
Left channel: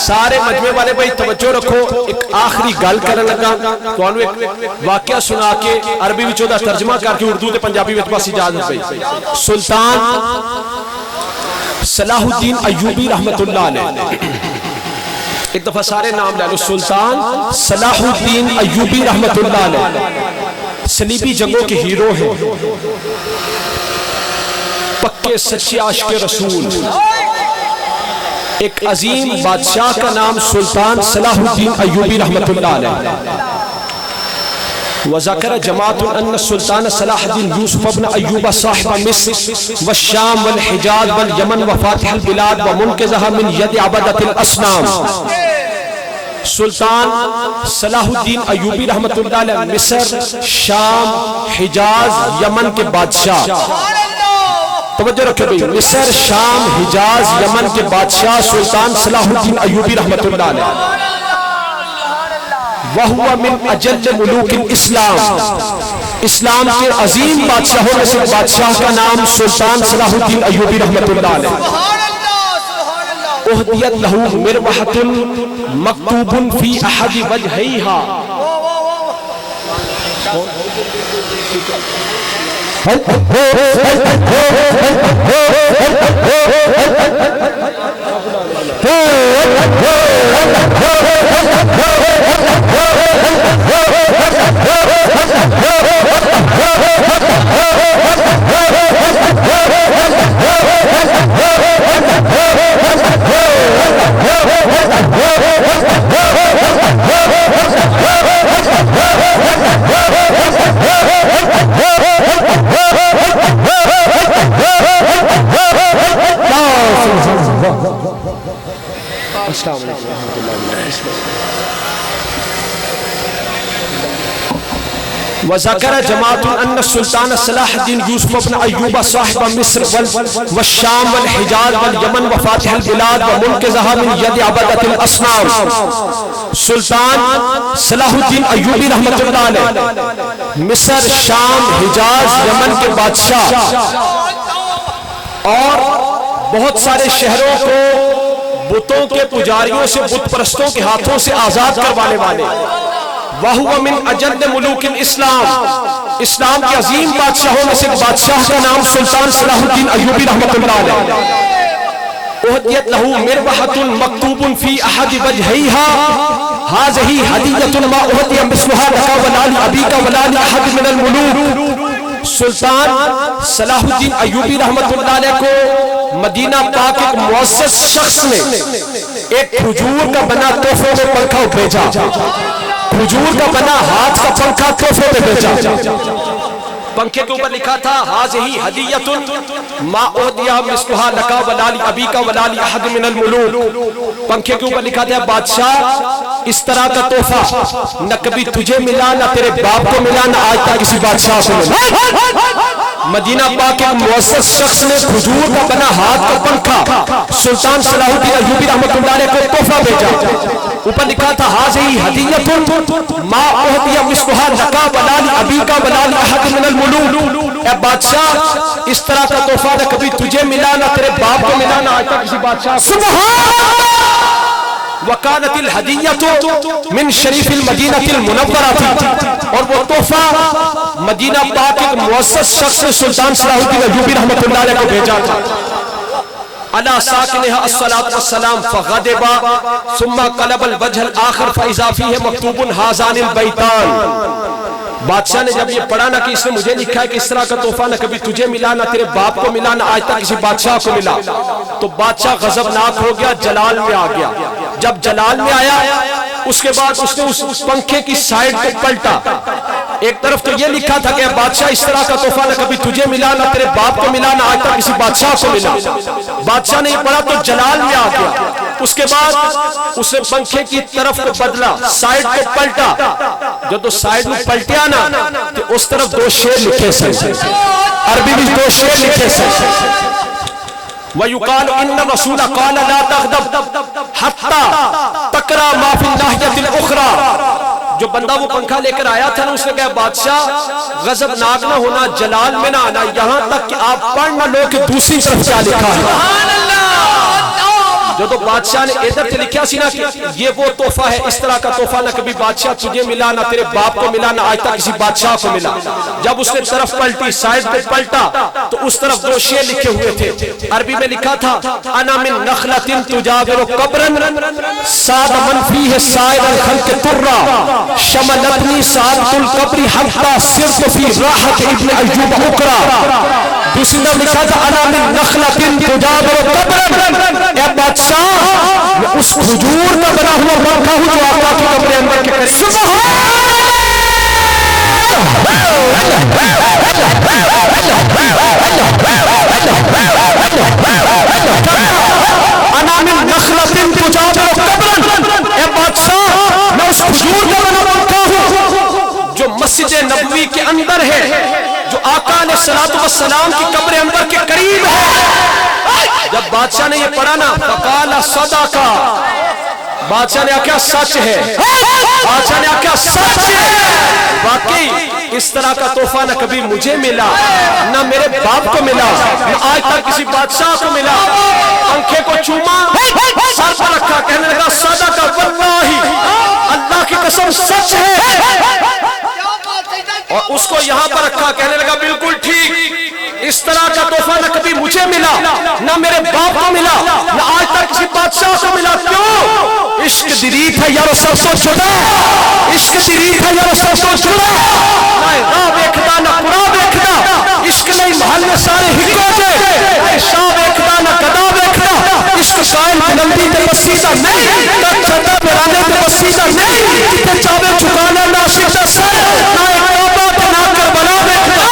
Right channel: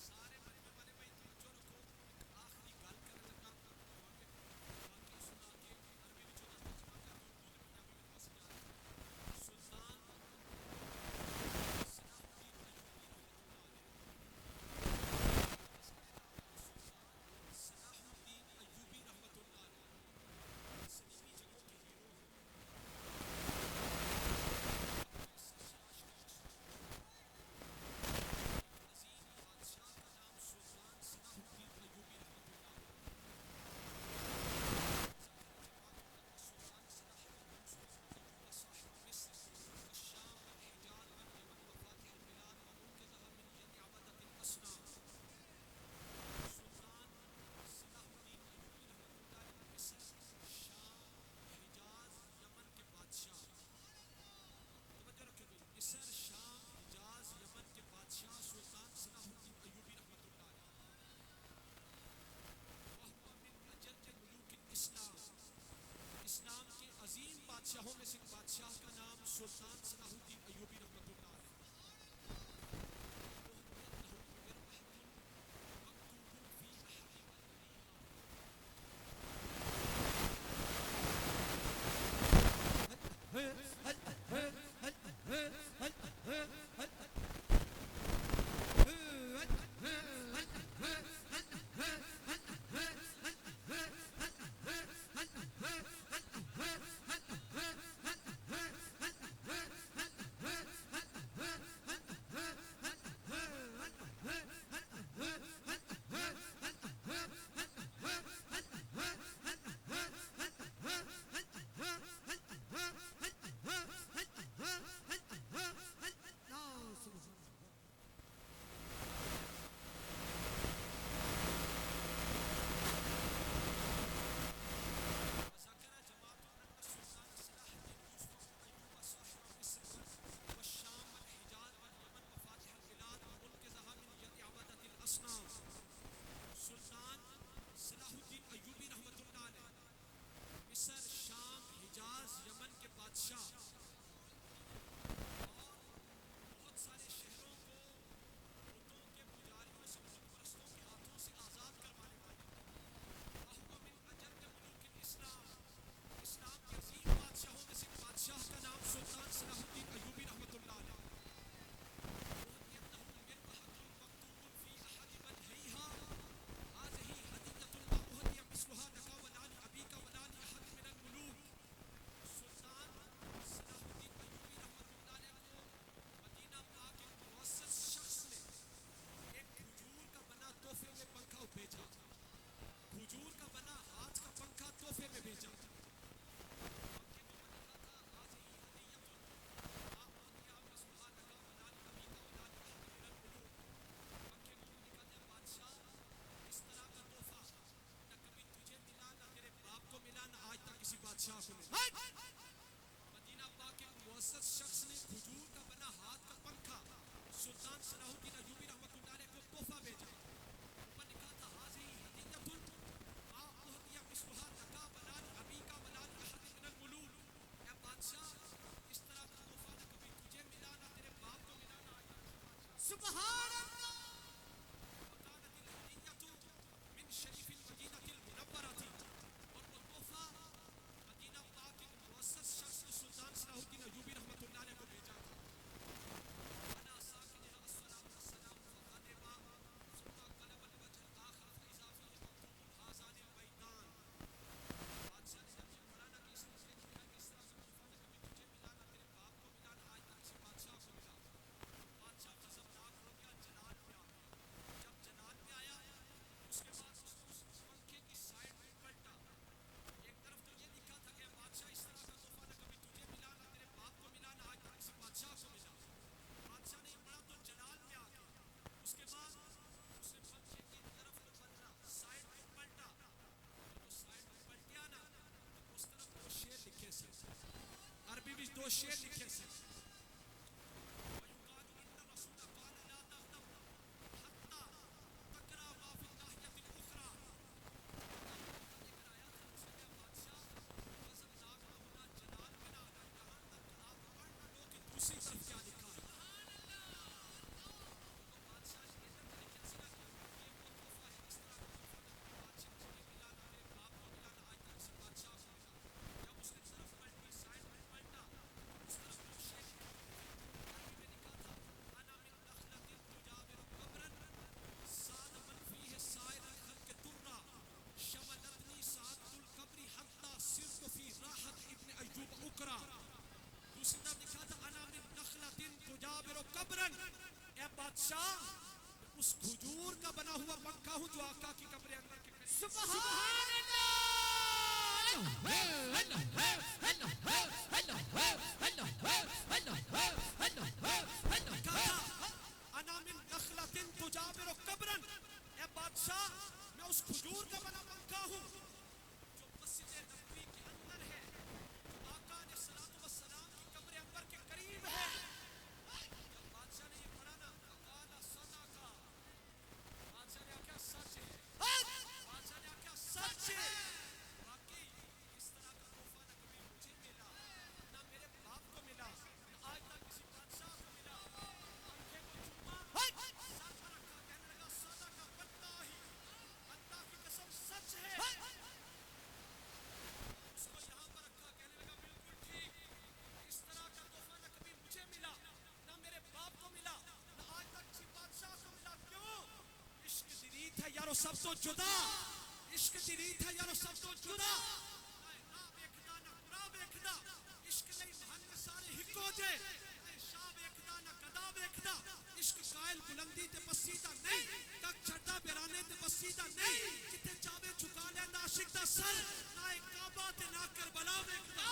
سارے مجمع والے بھائی توجہ رکھو ایک آخری گل کرنے لگا تو انہوں ایک واقعہ سنا کے عربی وچوں دا ترجمہ کر کے اردو تے پنجابی وچ بس اجازت پئی سلطان صلاح الدین ایوبی رحمت اللہ علیہ ایک دفعہ سارے نام لے لو. سلطان صلاح الدین ایوبی رحمت اللہ علیہ صلیبی جنگوں کے ہیرو ہیں, پکے سچے عاشق رسول. ایک عظیم بادشاہ کا نام سلطان صلاح الدین ایوبی رحمت اللہ علیہ. وذکر جماعت ان السلطان صلاح الدین یوسف ابن ایوب صاحب مصر والشام والحجاز والیمن وفاتح البلاد ومنقذها من ید عبدۃ الاصنام. سلطان صلاح الدین ایوبی رحمت اللہ علیہ مصر, شام, حجاز, یمن کے بادشاہ. توجہ رکھے بھئی, مصر, شام, حجاز, یمن کے بادشاہ سلطان صلاح الدین ایوبی رحمت اللہ علیہ. وَهُوَ مِنْ أَجَلِّ مُلُوكِ الْإِسْلَامِ, اسلام کے عظیم بادشاہوں میں سے بادشاہ کا نام سلطان صلاح الدین ایوبی رحمت اللہ علیہ. اہدیت لہو مربحۃ مکتوب فی احد وجہیہا. السلام علیکم ورحمۃ اللہ وبرکاتہ. وذکر جماعت ان السلطان صلاح الدین یوسف ابن ایوب صاحب مصر والشام والحجاز والیمن وفاتح البلاد ومنقذها من ید عبدۃ الاصنام. سلطان صلاح الدین ایوبی رحمت اللہ علیہ مصر, شام, حجاز, یمن کے بادشاہ اور بہت سارے شہروں کو بتوں کے پجاریوں سے, بت پرستوں کے ہاتھوں سے آزاد کروانے والے. وَهُوَ مِنْ أَجَلِّ مُلُوكِ الْإِسْلَامِ, اسلام کے عظیم بادشاہوں میں سے ایک بادشاہ کا نام سلطان صلاح الدین ایوبی رحمت اللہ علیہ. اہدیت لہو مربحۃ مکتوب فی احد وجہیہا ہذہ ہدیۃ ما اہدی مثلھا لک ولا لابیک ولا لاحد من الملوک. سلطان صلاح الدین ایوبی رحمت اللہ علیہ کو مدینہ پاک ایک معزز شخص نے ایک کھجور کا بنا تحفے میں پنکھا بھیجا, کھجور کا بنا ہاتھ کا پنکھا تحفے میں بھیجا. پنکھے کے اوپر لکھا تھا ھذہ ہدیۃ ما اہدی مثلھا لک ولا لابیک ولا لاحد من الملوک. پنکھے کے اوپر لکھا تھا بادشاہ اس طرح کا تحفہ نہ کبھی تجھے ملا, نہ تیرے باپ کو ملا, نہ آج تک کسی بادشاہ کو ملا. مدینہ پاک کے معزز شخص نے کھجور کا بنا ہاتھ کا پنکھا سلطان صلاح الدین ایوبی رحمت اللہ علیہ کو تحفہ بھیجا. اوپر لکھا تھا ھذہ ہدیۃ ما اہدی مثلھا لک ولا لابیک ولا لاحد من الملوک. اے بادشاہ اس طرح کا تحفہ نہ کبھی تجھے ملا, نہ تیرے باپ کو ملا, نہ آج تک کسی بادشاہ کو. سبحان اللہ. وکانت الہدیۃ من شریف المدینہ المنورہ, اور وہ تحفہ مدینہ پاک ایک معزز شخص نے سلطان صلاح الدین ایوبی رحمت اللہ علیہ کو بھیجا تھا. علی ساکنہا الصلاۃ والسلام فغضب ثم قلب الوجہ الآخر فاذا فیہ مکتوب ھذان البیتان. بادشاہ نے جب یہ پڑھا نا کہ اس نے مجھے لکھا ہے کہ اس طرح کا تحفہ نہ کبھی تجھے ملا, نہ تیرے باپ کو ملا, نہ آج تک کسی بادشاہ کو ملا, تو بادشاہ غضبناک ہو گیا, جلال میں آ گیا. جب جلال میں آیا اس کے بعد اس نے اس پنکھے کی سائیڈ کو پلٹا. ایک طرف تو یہ لکھا تھا کہ بادشاہ اس طرح کا تحفہ نہ کبھی تجھے ملا, نہ تیرے باپ کو ملا, نہ آج تک کسی بادشاہ کو ملا. بادشاہ نے یہ پڑھا تو جلال میں آ گیا. اس کے بعد اس نے پنکھے کی طرف کو بدلا, سائیڈ کو پلٹا. جو تو سائیڈ میں پلٹیا نا کہ اس طرف دو شیر لکھے سے, عربی میں دو شیر لکھے سے. وَيُقَالُ إِنَّ الرَّسُولَ قَالَ لَا تَغْضَبْ حَتَّى تَقْرَأَ مَا فِي النَّاحِيَةِ الْأُخْرَى. جو بندہ وہ پنکھا لے کر آیا تھا نا, اس نے کہا بادشاہ غضبناک نہ ہونا, جلال میں نہ آنا, یہاں تک کہ آپ پڑھ نہ لو کہ دوسری طرف کیا لکھا ہے. جو بادشاہ نے ادھر سے لکھا سی نا کہ یہ وہ تحفہ ہے، اس طرح کا تحفہ نہ کبھی بادشاہ تجھے ملا، نہ تیرے باپ کو ملا، نہ آج تک کسی بادشاہ کو ملا۔ جب اس نے طرف پلٹی، سائڈ پہ پلٹا تو اس طرف دو شعر لکھے ہوئے تھے، عربی میں لکھا تھا انا من نخلۃ تجاور قبرا ساد من فیہ سائر الخلق ترا شملتنی سعادۃ القبر حتی صرت فی راحت ابن ایوب اکرا۔ دوسری طرف لکھا تھا انا من نخلۃ تجاور قبرا، اے بادشاہ میں اس کھجور کا بنا ہوا پنکھا ہوں جو آقا کی قبر انور کے قریب۔ انا من نخلۃ تجاور قبرا، اے بادشاہ میں اس کھجور کا بنا پنکھا ہوں جو مسجد نبوی کے اندر ہے، جو آقا علیہ السلام کی قبر انور کے قریب ہے۔ جب بادشاہ نے یہ پڑھا نا فقال صدق، بادشاہ نے کیا سچ ہے، بادشاہ نے کیا سچ ہے۔ واقعی اس طرح کا تحفہ نہ کبھی مجھے ملا، نہ میرے باپ کو ملا، نہ آج تک کسی بادشاہ کو ملا۔ پنکھے کو چوما، سر پر رکھا، کہنے لگا صدق واللہ، اللہ کی قسم سچ ہے، اور اس کو یہاں پر رکھا، کہنے لگا بالکل ٹھیک، اس طرح کا تحفہ نہ کبھی مجھے ملا، نہ میرے باپ کو ملا، نہ آج تک کسی بادشاہ کو ملا۔ کیوں؟ عشق دریت ہے یارو سرسوں چھڑا، عشق دریت ہے یارو سرسوں چھڑا، نہ راہ بیکھدا نہ قرآن بیکھدا، عشق نہیں محل میں سارے ہکو جے، نہ شاہ بیکھدا نہ قدا بیکھدا، عشق قائل بلندی تے بسیدہ نہیں، تک چھتا پیرانے تے بسیدہ نہیں، جتے چاہے چکانا ناشق دا سر، نہ ایک کعبہ تے نہ کربلا بیکھدا۔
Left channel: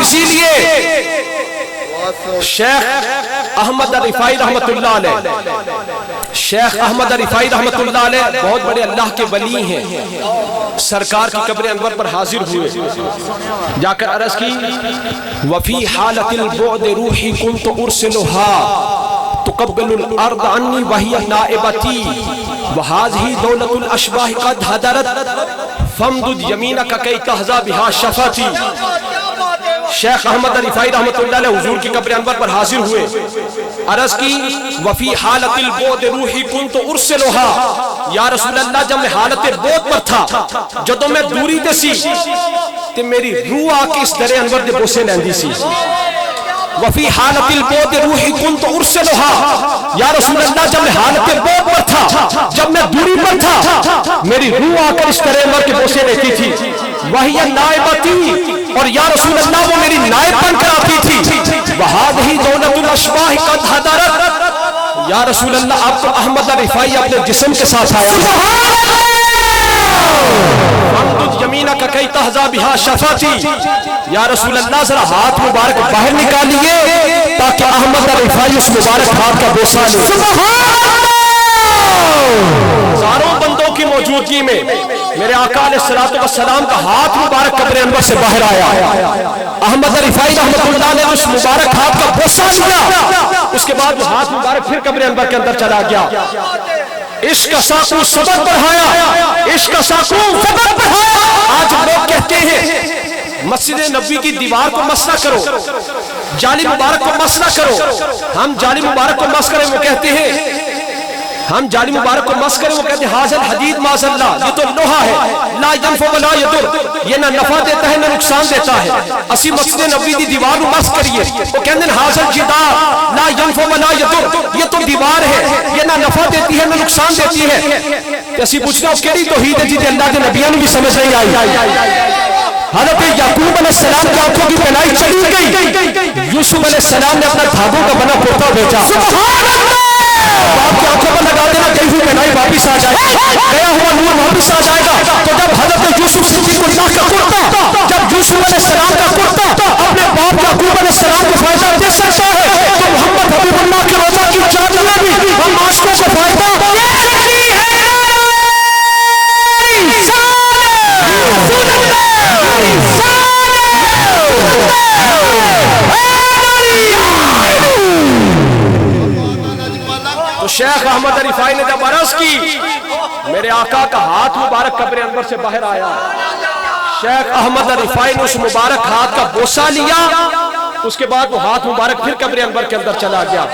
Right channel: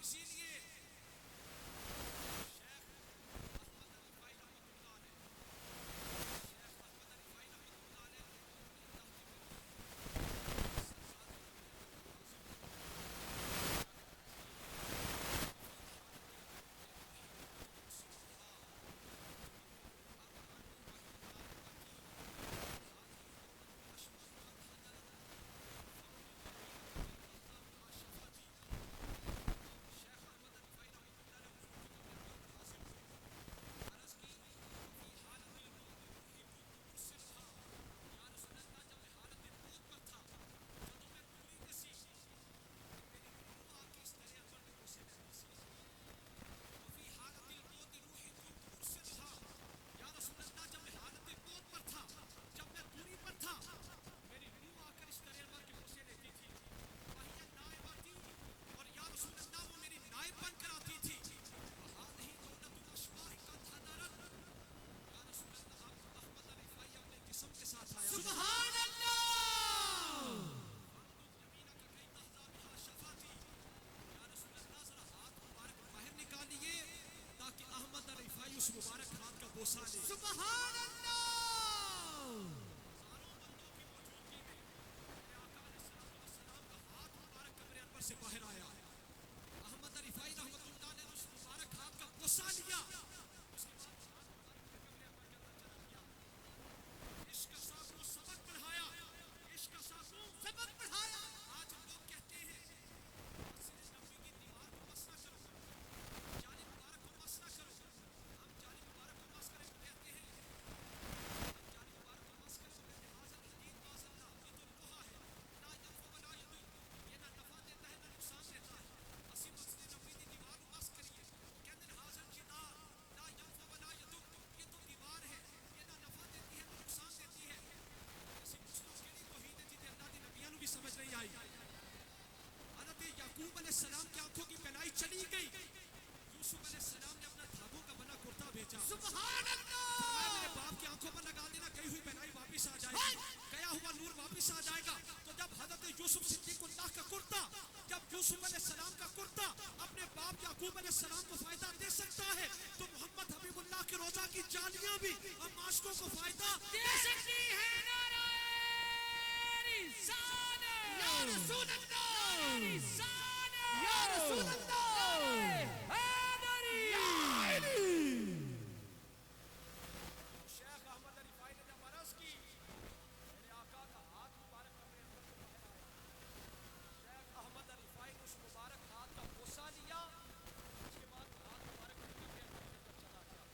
اسی لیے شیخ احمد رفاعی رحمت اللہ علیہ، شیخ احمد رفاعی رحمت اللہ علیہ بہت بڑے اللہ کے ولی ہیں، سرکار کی قبر انور پر حاضر ہوئے، جا کر عرض کی وفی حالت البعد روحی کنت ارسلها تقبل الارض عنی وہی نائبتی وہذہ دولت الاشباح قد حضرت فامدد یمینک کی تحظی بہا شفاتی۔ شیخ احمد رفاعی رحمت اللہ علیہ حضور کی قبر انور پر حاضر ہوئے، عرض کی وفی حالت البعد روحی کنت ارسلها، یا رسول اللہ جب میں حالت بعد پر تھا، جدوں میں دوری دے سی تے میری روح آکے اس در انور دے بوسے لیندی سی۔ وفی حالت البعد روحی کنت ارسلها، یا رسول اللہ جب میں حالت بعد پر تھا، جب میں دوری پر تھا، میری روح آکر اس در انور کے بوسے لیتی تھی، وہی نائبتی، اور یا رسول اللہ وہ میری نائب بن کر آتی تھی، وہذہ دولت الاشباح قد حضرت، یا رسول اللہ اب تو احمد رفاعی اپنے جسم کے ساتھ آیا، فامدد یمینک کی تحظی بہا شفاتی، یا رسول اللہ ذرا ہاتھ مبارک باہر نکالیے تاکہ احمد رفاعی اس مبارک ہاتھ کا بوسہ لے۔ ہزاروں بندوں کی موجودگی میں میرے آقا علیہ السلام کا ہاتھ مبارک قبر انور سے باہر آیا، احمد رفاعی رحمت اللہ علیہ اس مبارک ہاتھ کا بوسہ لیا، اس کے بعد وہ ہاتھ مبارک پھر قبر انور کے اندر چلا گیا۔ عشق کا ساقو سبق بڑھایا، عشق کا ساقو سبق بڑھایا۔ آج لوگ کہتے ہیں مسجد نبوی کی دیوار کو مس نہ کرو، جالی مبارک کو مس نہ کرو، ہم جالی مبارک کو مس کریں، وہ کہتے ہیں ہم جالی مبارک کو مس کریں، وہ کہتے ہیں حاضر حدید معاذ اللہ، یہ تو لوہا ہے، لا ینفع ولا یضر، یہ نہ نفع دیتا ہے نہ نقصان دیتا ہے، اسی مسجد نبوی دی دیوار کو مس کریے، وہ کہتے ہیں حاضر جدار لا ینفع ولا یضر، یہ تو دیوار ہے، یہ نہ نفع دیتی ہے نہ نقصان دیتی ہے۔ اسی پوچھنا ہو کیڑی توحید ہے جی اللہ کے نبیوں نے بھی سمجھ نہیں آئی۔ حضرت یعقوب علیہ السلام کی آنکھوں کی بینائی چلی گئی، یوسف علیہ السلام نے اپنا دھاگوں کا بنا کرتا بھیجا، باپ کی آنکھوں پر لگا دینا کہیں بھی بینائی واپس آ جائے، گیا ہوا نور واپس آ جائے گا۔ تو جب حضرت یوسف صدیق اللہ کا کرتا، جب یوسف علیہ السلام کا کرتا اپنے باپ یعقوب علیہ السلام کو فائدہ دے سکتا ہے، تو محمد حبیب اللہ کے روزہ کی چادر میں بھی ہم عاشقوں کو فائدہ دے سکتی ہے۔ شیخ احمد رفاعی نے جب عرض کی، میرے آقا کا ہاتھ مبارک قبر انور سے باہر آیا، شیخ احمد رفاعی نے اس مبارک ہاتھ کا بوسہ لیا، اس کے بعد وہ ہاتھ مبارک پھر قبر انور کے اندر چلا گیا۔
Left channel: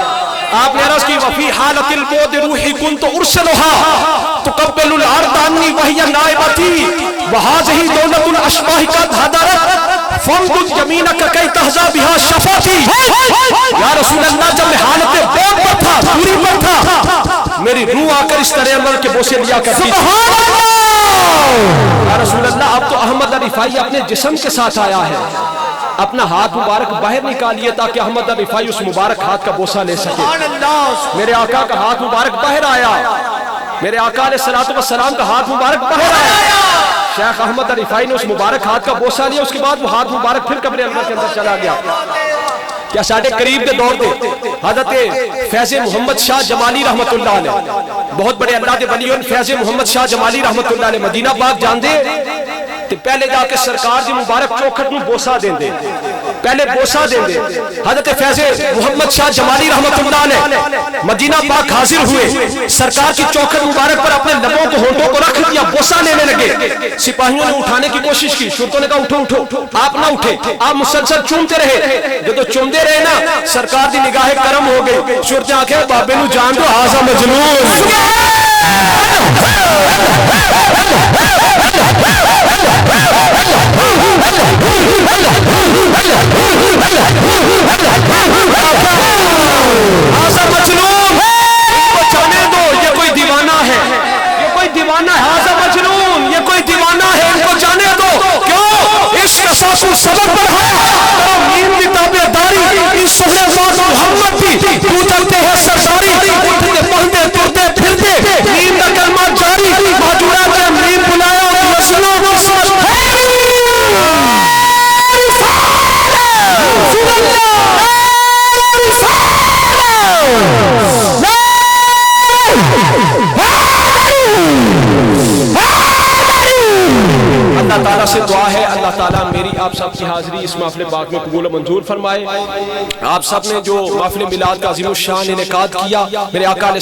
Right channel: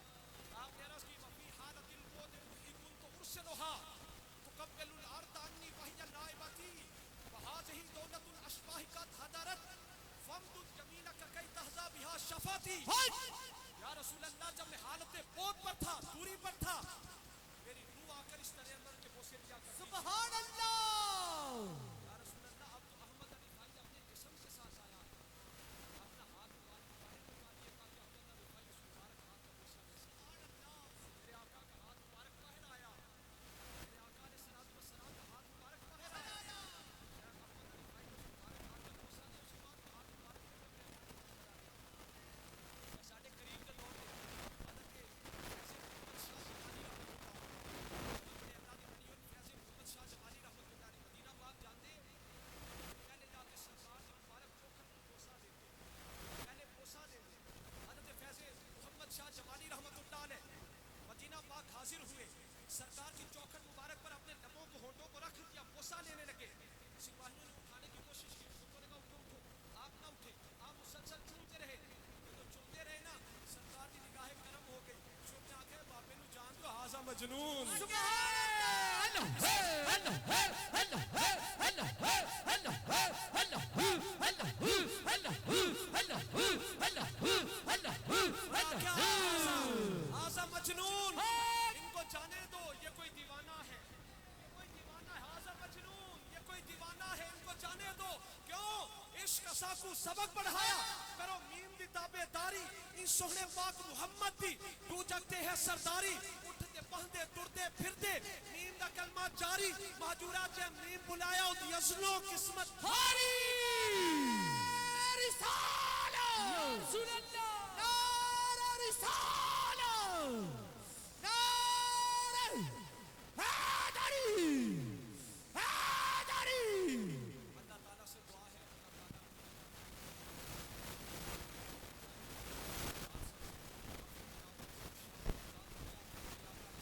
آپ نے عرض کی وفی حالت البعد روحی کنت ارسلها تقبل الارض عنی وہی نائبتی وہذہ دولت الاشباح قد حضرت فامدد یمینک کی تہزا بہا شفاتی۔ یا رسول اللہ جب میں حالت بعد پر تھا، دوری پر تھا، میری روح آ کر اس طرح انور کے بوسے لیا کرتی تھی۔ یا رسول اللہ اب تو احمد رفاعی اپنے جسم کے ساتھ آیا ہے، اپنا ہاتھ مبارک باہر نکالیے تاکہ احمد رفاعی اس مبارک ہاتھ کا بوسہ لے سکے۔ میرے آقا کا ہاتھ مبارک باہر آیا، میرے آقا علیہ الصلوۃ والسلام کا ہاتھ مبارک باہر آیا، شیخ احمد رفاعی نے اس مبارک ہاتھ کا بوسہ لیا، اس کے بعد وہ ہاتھ مبارک پھر قبر انور کے اندر چلا گیا۔ کیا ساڑھے قریب کے دور دے حضرت فیض محمد شاہ جمالی رحمت اللہ علیہ، بہت بڑے اللہ دے ولی ہوئے فیض محمد شاہ جمالی رحمت اللہ علیہ، مدینہ پاک جان دے تے پہلے جا کے سرکار دی مبارک چوکھٹ میں بوسہ دیں دے، پہلے بوسہ دیں دے۔ حضرت فیض محمد شاہ جمالی رحمت اللہ علیہ مدینہ پاک حاضر ہوئے، سرکار کی چوکھٹ مبارک پر اپنے لبوں کو ہونٹوں کو رکھ دیا، بوسہ لینے لگے۔ سپاہیوں نے اٹھانے کی کوشش کی، شرطوں نے کہا اٹھو اٹھو، آپ نہ اٹھے، آپ مسلسل چومتے رہے، جو تو چومتے رہے نا سرکار دی نگاہ کرم ہو گئی، شرطیں آنکھیں بابے نو جان دو ہاضا مجنون۔ ہاضا مجنون، ان کو جانے دو، یہ کوئی دیوانہ ہے، یہ کوئی دیوانہ ہے، ہاضا مجنون یہ کوئی دیوانہ ہے، ان کو جانے دو۔ کیوں؟ عشق ساسو سبق پر ہے، مین کی تابعداری، اس سہرے بات محمد بھی تو چلتے ہیں سرداری، اٹھتے پہنتے ترتے پھرتے نیم کا کلمہ جاری، مہجورہ کا نیم بلایا اور مسلوں کو سمجھ اللہ تعالیٰ سے دعا ہے اللہ تعالیٰ میری آپ سب کی حاضری اس محفل پاک میں قبول و منظور فرمائے۔ آپ سب نے جو محفل میلاد کا عظیم الشان انعقاد کیا، میرے آقا علیہ